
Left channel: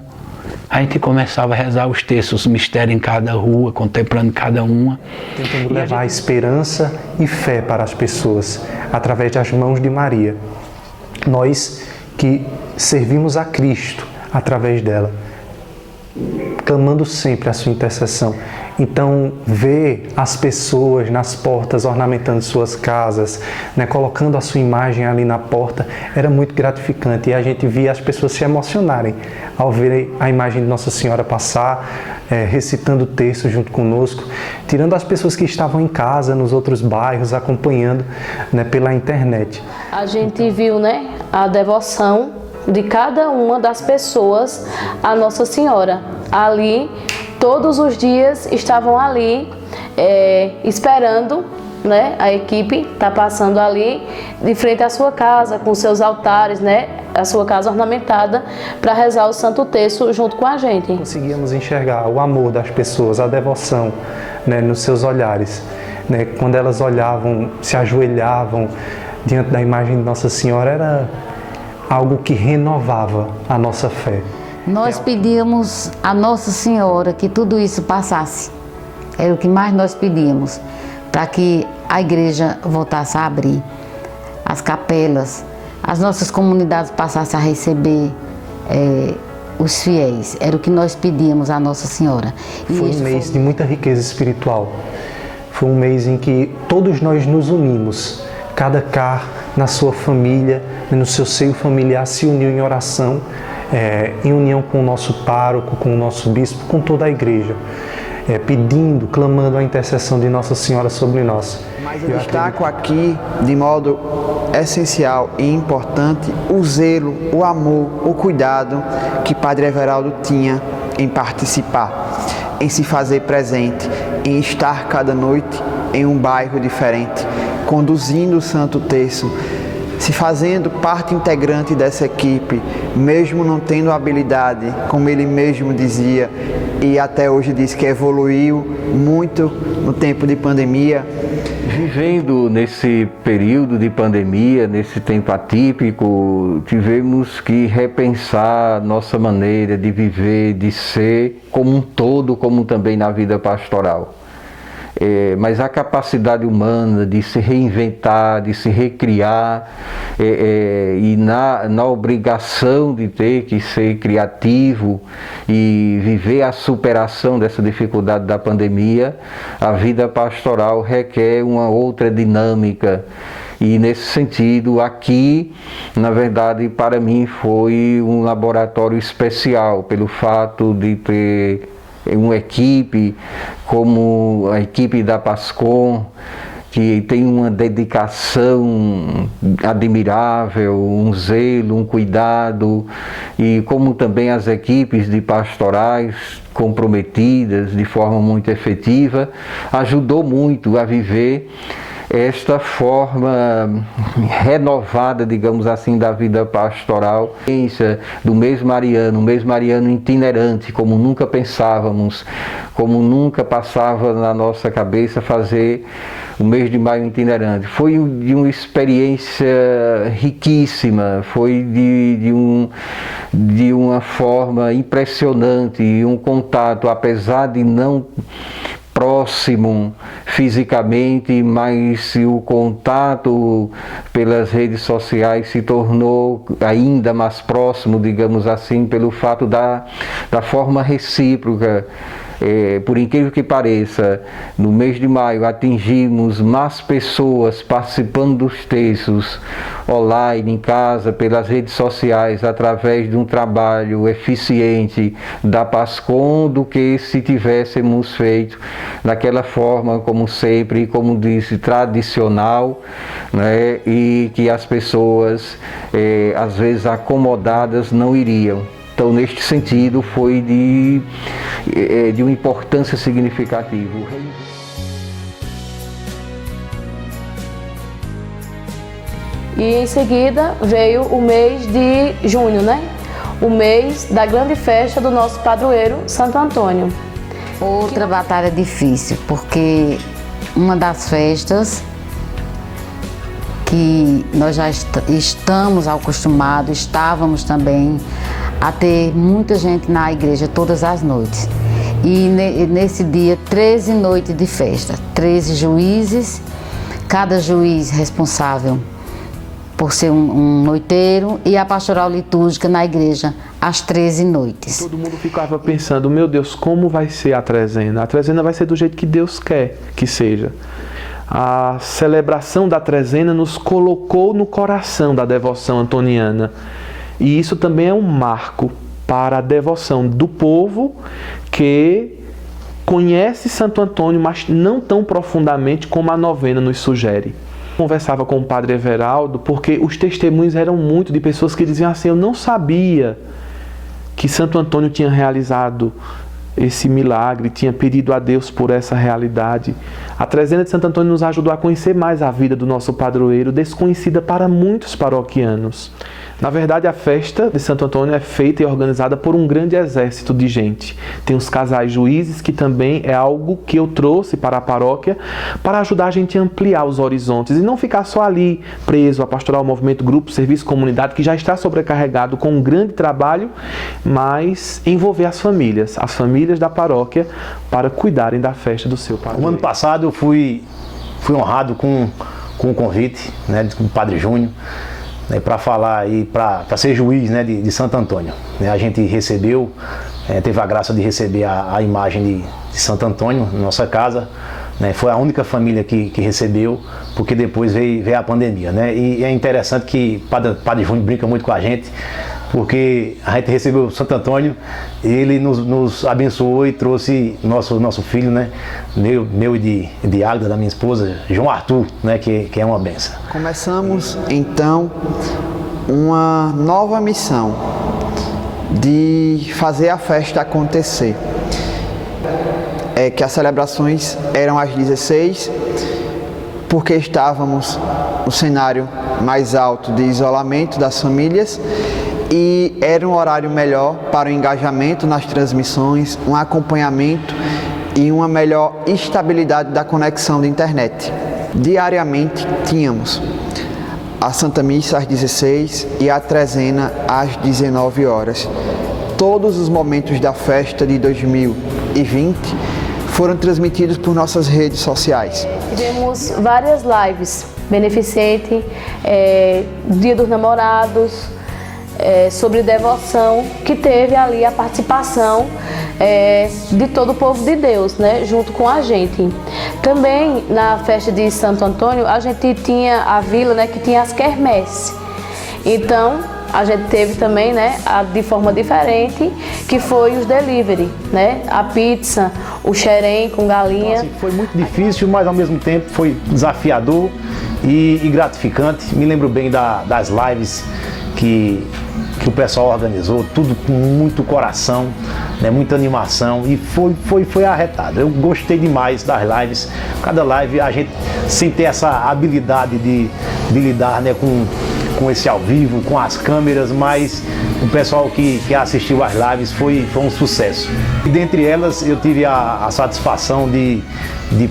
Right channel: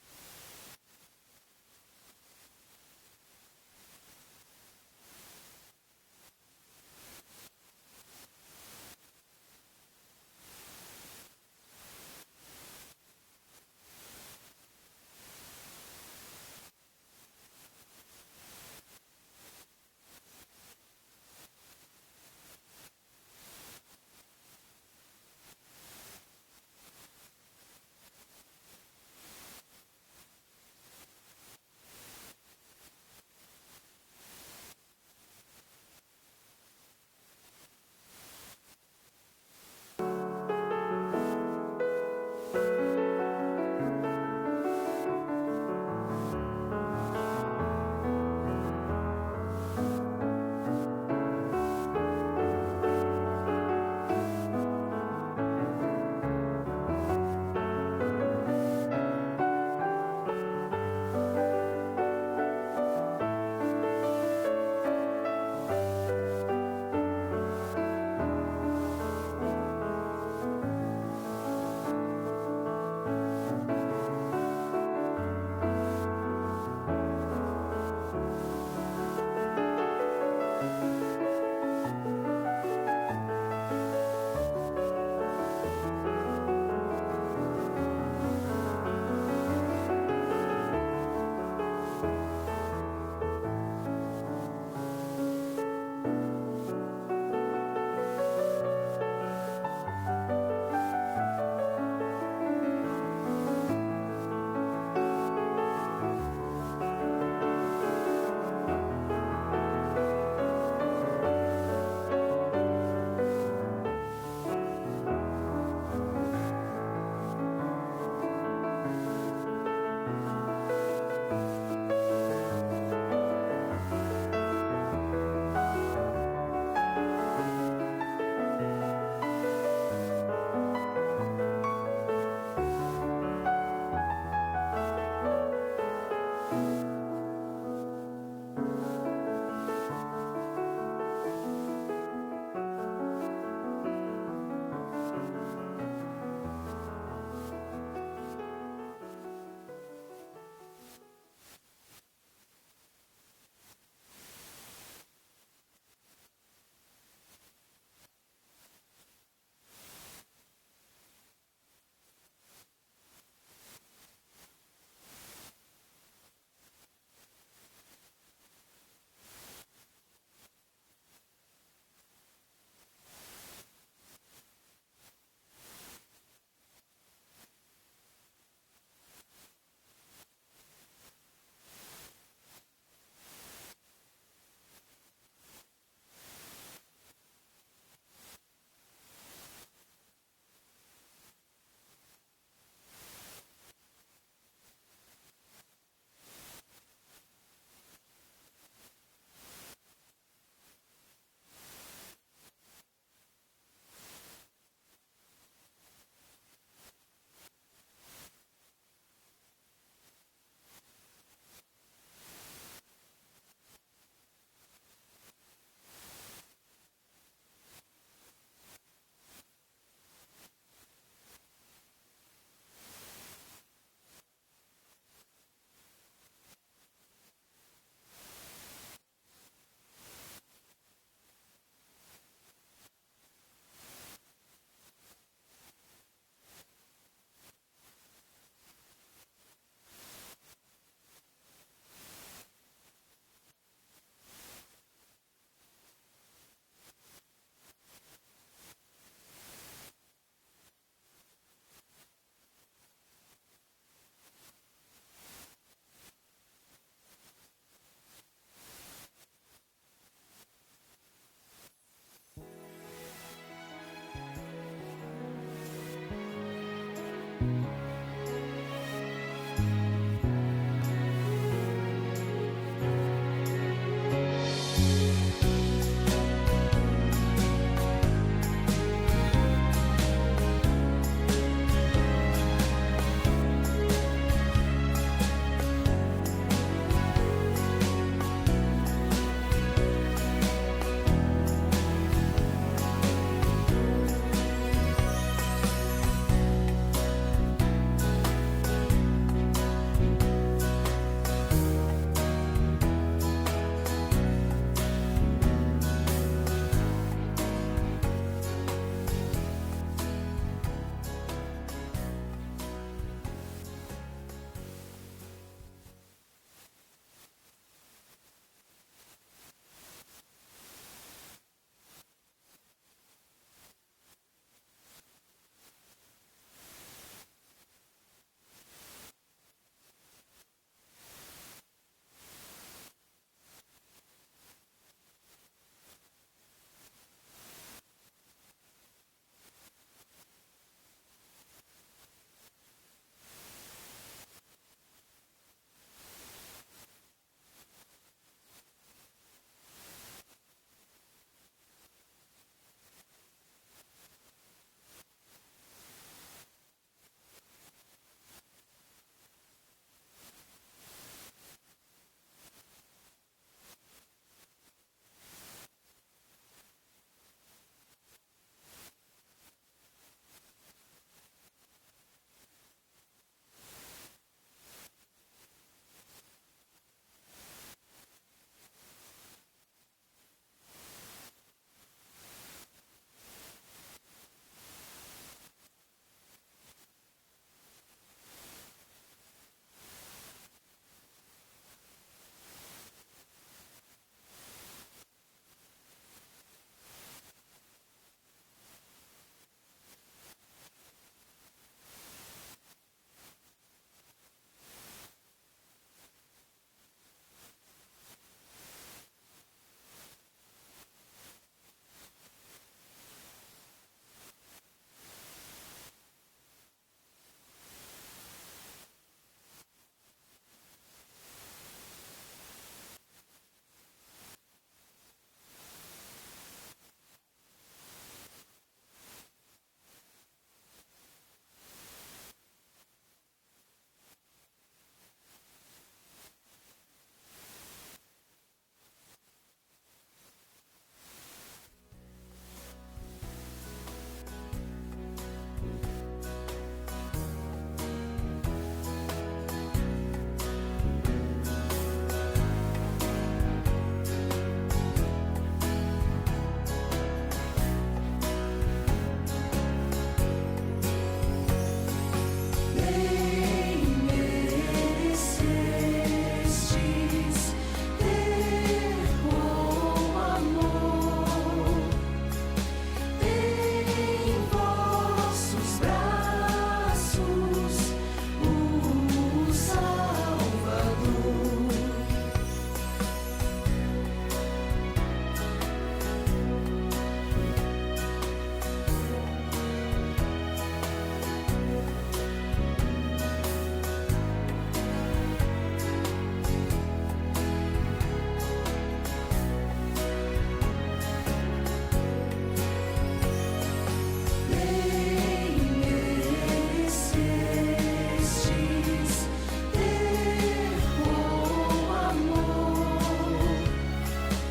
A gente começava a rezar os textos, os mistérios em cada rua, contemplando cada uma. Tentando levar esperança e fé para as pessoas, através das mãos de Maria. Nós que servimos a Cristo através dela, clamando sempre a sua intercessão. Então, ver as pessoas nas portas ornamentando suas casas, né, colocando a sua imagem ali na porta, era muito gratificante. E a gente via as pessoas se emocionarem ao ver a imagem de Nossa Senhora passar, recitando o texto junto conosco, tirando as pessoas que estavam em casa, nos outros bairros, acompanhando, né, pela internet. A gente viu, né, a devoção de cada uma das pessoas à Nossa Senhora. Ali, todos os dias estavam ali esperando, né? A equipe está passando ali de frente à sua casa, com seus altares, né? A sua casa ornamentada, para rezar o Santo Terço junto com a gente. Conseguíamos enxergar o amor das pessoas, a devoção, né, nos seus olhares, né? Quando elas olhavam, se ajoelhavam diante da imagem de Nossa Senhora, era algo que renovava a nossa fé. Nós pedíamos a Nossa Senhora que tudo isso passasse. Era o que mais nós pedíamos, para que a igreja voltasse a abrir, as capelas, as nossas comunidades passassem a receber os fiéis. Era o que nós pedíamos à Nossa Senhora. Foi um mês de muita riqueza espiritual. Foi um mês em que todos nós nos unimos, cada car na sua família, no seu seio familiar, se uniu em oração, em união com o nosso pároco, com o nosso bispo, com toda a igreja, pedindo, clamando a intercessão de Nossa Senhora sobre nós. Mas eu destaco aqui, de modo essencial e importante, o zelo, o amor, o cuidado que Padre Everaldo tinha em participar, em se fazer presente, em estar cada noite em um bairro diferente, conduzindo o Santo Terço, se fazendo parte integrante dessa equipe, mesmo não tendo habilidade, como ele mesmo dizia, e até hoje diz que evoluiu muito no tempo de pandemia. Vivendo nesse período de pandemia, nesse tempo atípico, tivemos que repensar nossa maneira de viver, de ser como um todo, como também na vida pastoral. Mas a capacidade humana de se reinventar, de se recriar, e na obrigação de ter que ser criativo e viver a superação dessa dificuldade da pandemia, a vida pastoral requer uma outra dinâmica. E nesse sentido, aqui, na verdade, para mim foi um laboratório especial, pelo fato de ter uma equipe como a equipe da Pascom, que tem uma dedicação admirável, um zelo, um cuidado, e como também as equipes de pastorais, comprometidas de forma muito efetiva, ajudou muito a viver esta forma renovada, digamos assim, da vida pastoral, do mês mariano itinerante, como nunca pensávamos, como nunca passava na nossa cabeça fazer o mês de maio itinerante. Foi de uma experiência riquíssima, foi de uma forma impressionante, e um contato, apesar de não próximo fisicamente, mas o contato pelas redes sociais se tornou ainda mais próximo, digamos assim, pelo fato da forma recíproca. Por incrível que pareça, no mês de maio atingimos mais pessoas participando dos textos online, em casa, pelas redes sociais, através de um trabalho eficiente da PASCOM, do que se tivéssemos feito daquela forma, como sempre, como disse, tradicional, né, e que as pessoas, às vezes acomodadas, não iriam. Então, neste sentido, foi de uma importância significativa. E em seguida veio o mês de junho, né? O mês da grande festa do nosso padroeiro, Santo Antônio. Outra batalha difícil, porque uma das festas que nós já estamos acostumados, estávamos também a ter muita gente na igreja todas as noites. E nesse dia, 13 noites de festa, 13 juízes, cada juiz responsável por ser um noiteiro, e a pastoral litúrgica na igreja, às 13 noites. Todo mundo ficava pensando, meu Deus, como vai ser a trezena? A trezena vai ser do jeito que Deus quer que seja. A celebração da trezena nos colocou no coração da devoção antoniana. E isso também é um marco para a devoção do povo que conhece Santo Antônio, mas não tão profundamente como a novena nos sugere. Conversava com o padre Everaldo, porque os testemunhos eram muito de pessoas que diziam assim, eu não sabia que Santo Antônio tinha realizado esse milagre, tinha pedido a Deus por essa realidade. A trezena de Santo Antônio nos ajudou a conhecer mais a vida do nosso padroeiro, desconhecida para muitos paroquianos. Na verdade, a festa de Santo Antônio é feita e organizada por um grande exército de gente. Tem os casais juízes, que também é algo que eu trouxe para a paróquia para ajudar a gente a ampliar os horizontes e não ficar só ali preso a pastoral, movimento, grupo, serviço, comunidade, que já está sobrecarregado com um grande trabalho, mas envolver as famílias da paróquia para cuidarem da festa do seu padroeiro. O ano passado eu fui honrado com o convite, né, do Padre Júnior, para falar aí, para ser juiz, né, de Santo Antônio. A gente recebeu, teve a graça de receber a imagem de Santo Antônio na nossa casa, né, foi a única família que recebeu, porque depois veio a pandemia, né, e é interessante que o Padre Júnior brinca muito com a gente, porque a gente recebeu Santo Antônio, ele nos abençoou e trouxe nosso filho, né, meu e de Águeda, da minha esposa, João Arthur, né, que é uma benção. Começamos então uma nova missão de fazer a festa acontecer. Que as celebrações eram às 16, porque estávamos no cenário mais alto de isolamento das famílias, e era um horário melhor para o engajamento nas transmissões, um acompanhamento e uma melhor estabilidade da conexão da internet. Diariamente tínhamos a Santa Missa às 16 e a trezena às 19 horas. Todos os momentos da festa de 2020 foram transmitidos por nossas redes sociais. Tivemos várias lives beneficente, Dia dos Namorados, sobre devoção, que teve ali a participação de todo o povo de Deus, né, junto com a gente. Também na festa de Santo Antônio, a gente tinha a vila, né, que tinha as quermesses. Então, a gente teve também, né, de forma diferente, que foi os delivery, né, a pizza, o xerém com galinha. Foi muito difícil, mas ao mesmo tempo foi desafiador e gratificante. Me lembro bem das lives que que o pessoal organizou, tudo com muito coração, né, muita animação, e foi arretado. Eu gostei demais das lives. Cada live a gente, sem ter essa habilidade de lidar, né, com esse ao vivo, com as câmeras, mas o pessoal que assistiu às lives foi um sucesso. E dentre elas eu tive a satisfação de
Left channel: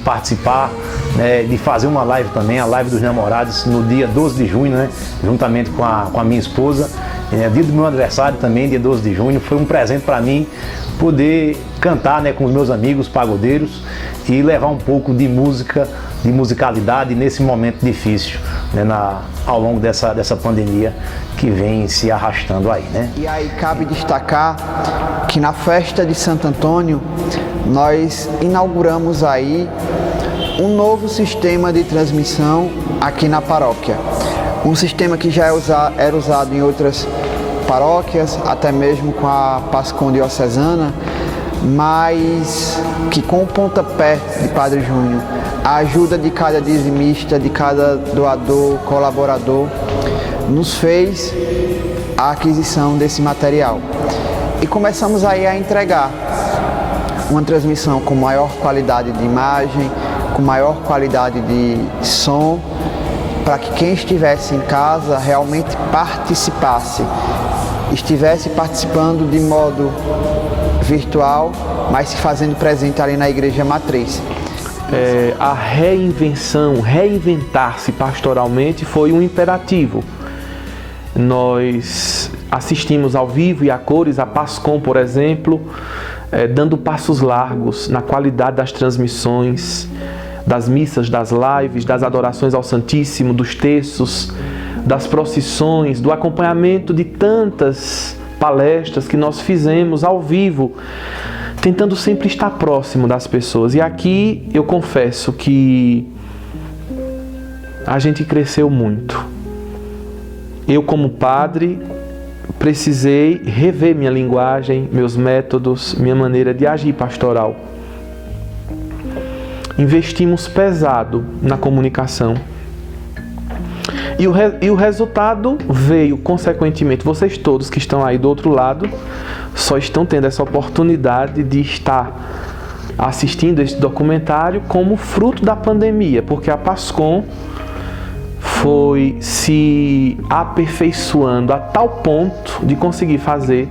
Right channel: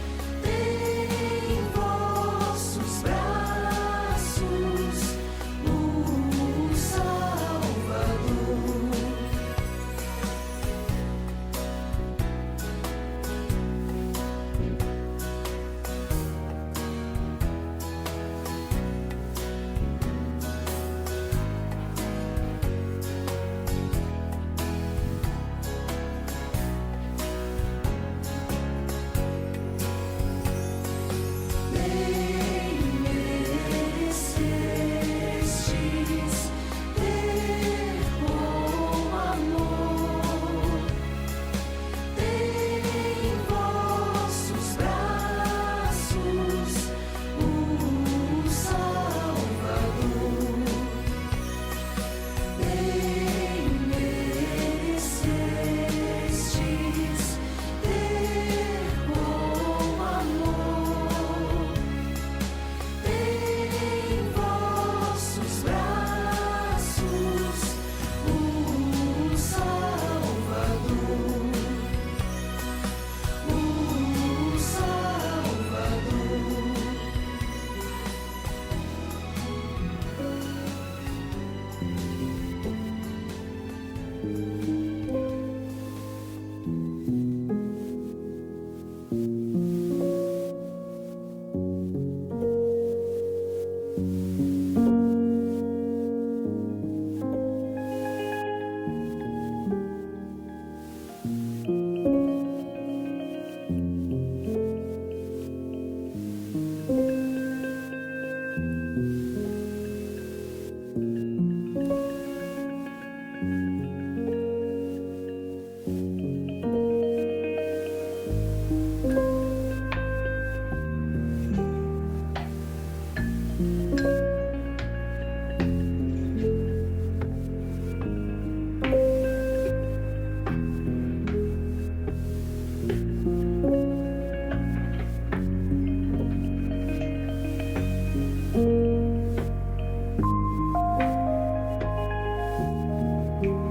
participar, né, de fazer uma live também, a live dos namorados, no dia 12 de junho, né, juntamente com a minha esposa. Dia do meu aniversário também, dia 12 de junho. Foi um presente para mim poder cantar, né, com os meus amigos pagodeiros e levar um pouco de música, de musicalidade nesse momento difícil, né, ao longo dessa pandemia que vem se arrastando aí, né? E aí cabe destacar que na festa de Santo Antônio nós inauguramos aí um novo sistema de transmissão aqui na paróquia. Um sistema que já era usado em outras paróquias, até mesmo com a PASCOM diocesana, mas que com o pontapé de Padre Júnior, a ajuda de cada dizimista, de cada doador, colaborador, nos fez a aquisição desse material. E começamos aí a entregar uma transmissão com maior qualidade de imagem, com maior qualidade de som, para que quem estivesse em casa realmente participasse, estivesse participando de modo virtual, mas se fazendo presente ali na igreja matriz. A reinventar-se pastoralmente foi um imperativo. Nós assistimos ao vivo e a cores, a PASCOM, por exemplo, dando passos largos na qualidade das transmissões, das missas, das lives, das adorações ao Santíssimo, dos terços, das procissões, do acompanhamento de tantas palestras que nós fizemos ao vivo, tentando sempre estar próximo das pessoas. E aqui eu confesso que a gente cresceu muito. Eu, como padre, precisei rever minha linguagem, meus métodos, minha maneira de agir pastoral. Investimos pesado na comunicação. E o resultado veio, consequentemente. Vocês todos que estão aí do outro lado só estão tendo essa oportunidade de estar assistindo este documentário como fruto da pandemia, porque a PASCOM foi se aperfeiçoando a tal ponto de conseguir fazer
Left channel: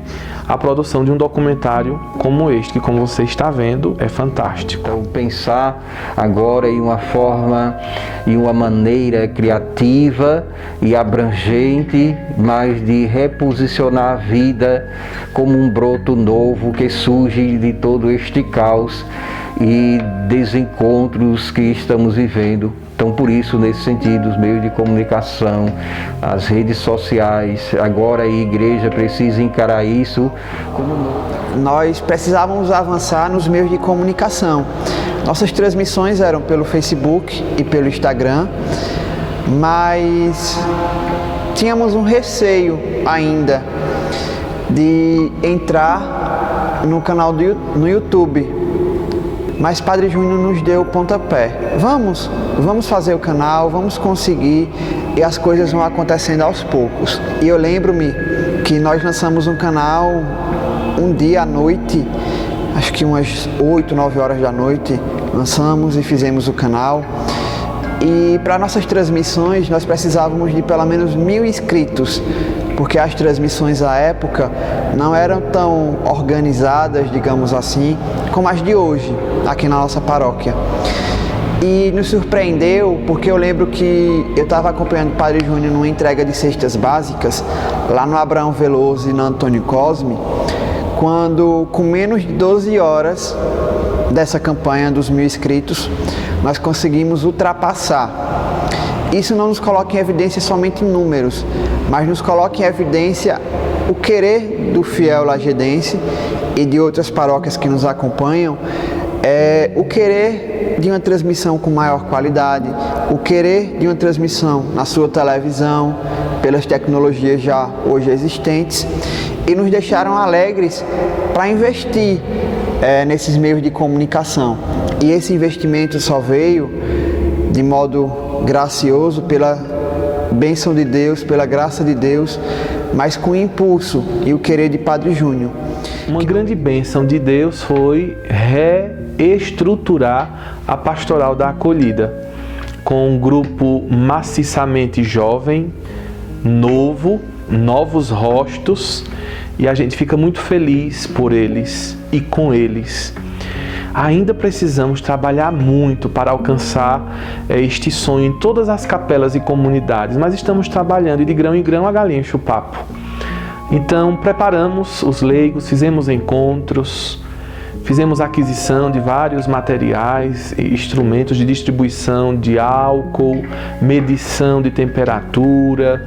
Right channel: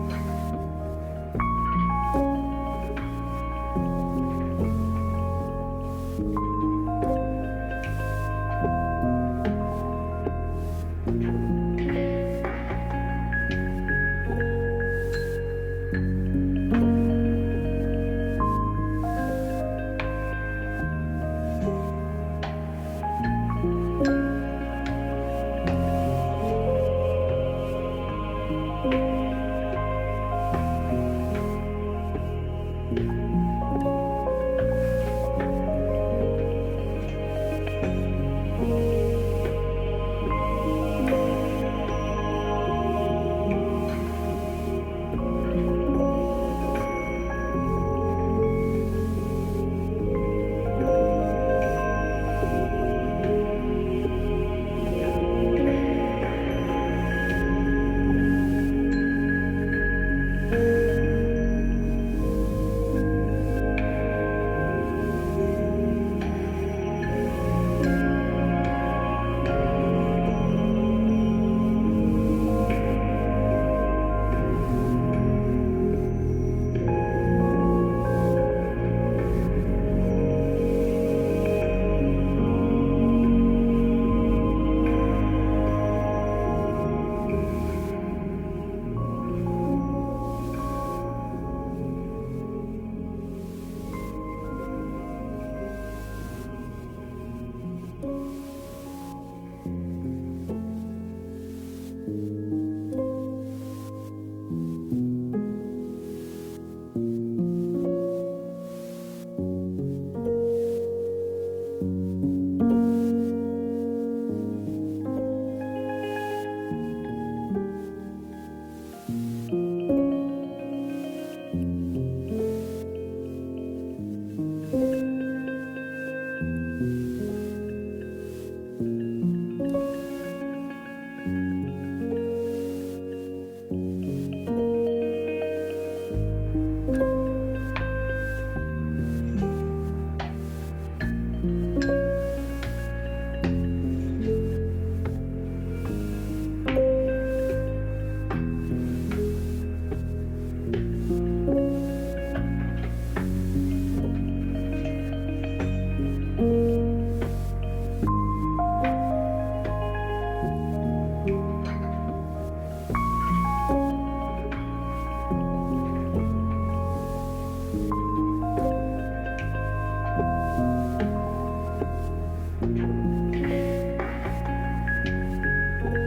a produção de um documentário como este, que, como você está vendo, é fantástico. Então, pensar agora em uma forma e uma maneira criativa e abrangente, mas de reposicionar a vida como um broto novo que surge de todo este caos e desencontros que estamos vivendo. Então, por isso, nesse sentido, os meios de comunicação, as redes sociais, agora a igreja precisa encarar isso. Nós precisávamos avançar nos meios de comunicação. Nossas transmissões eram pelo Facebook e pelo Instagram, mas tínhamos um receio ainda de entrar no canal no YouTube. Mas Padre Júnior nos deu o pontapé. Vamos fazer o canal, vamos conseguir, e as coisas vão acontecendo aos poucos. E eu lembro-me que nós lançamos um canal um dia à noite, acho que umas 8, 9 horas da noite, lançamos e fizemos o canal. E para nossas transmissões nós precisávamos de pelo menos 1000 inscritos, porque as transmissões à época não eram tão organizadas, digamos assim, como as de hoje, aqui na nossa paróquia. E nos surpreendeu, porque eu lembro que eu estava acompanhando o Padre Júnior numa entrega de cestas básicas, lá no Abraão Veloso e no Antônio Cosme, quando, com menos de 12 horas dessa campanha dos 1000 inscritos, nós conseguimos ultrapassar. Isso não nos coloca em evidência somente em números, mas nos coloca em evidência o querer do fiel lajedense e de outras paróquias que nos acompanham, o querer de uma transmissão com maior qualidade, o querer de uma transmissão na sua televisão, pelas tecnologias já hoje existentes, e nos deixaram alegres para investir nesses meios de comunicação. E esse investimento só veio de modo gracioso, pela bênção de Deus, pela graça de Deus, mas com o impulso e o querer de Padre Júnior. Uma grande bênção de Deus foi reestruturar a pastoral da acolhida, com um grupo maciçamente jovem, novo, novos rostos, e a gente fica muito feliz por eles e com eles. Ainda precisamos trabalhar muito para alcançar este sonho em todas as capelas e comunidades, mas estamos trabalhando e de grão em grão a galinha enche o papo. Então preparamos os leigos, fizemos encontros, fizemos aquisição de vários materiais e instrumentos de distribuição de álcool, medição de temperatura,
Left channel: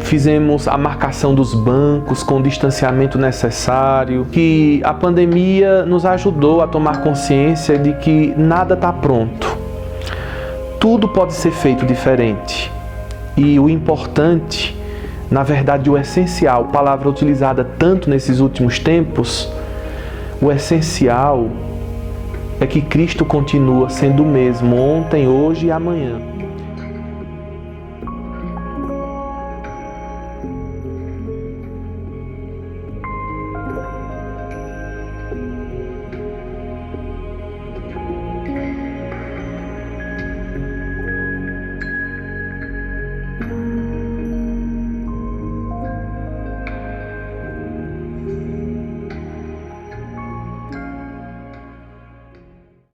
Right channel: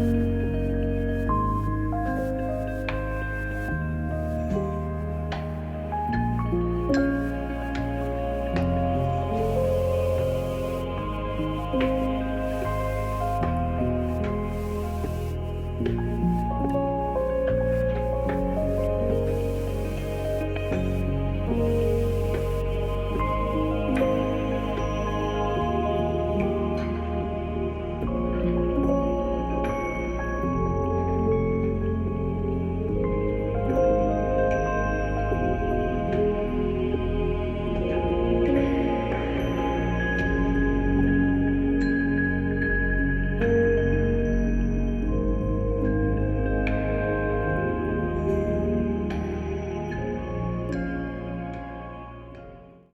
fizemos a marcação dos bancos com o distanciamento necessário, que a pandemia nos ajudou a tomar consciência de que nada está pronto. Tudo pode ser feito diferente. E o importante, na verdade o essencial, palavra utilizada tanto nesses últimos tempos, o essencial é que Cristo continua sendo o mesmo ontem, hoje e amanhã.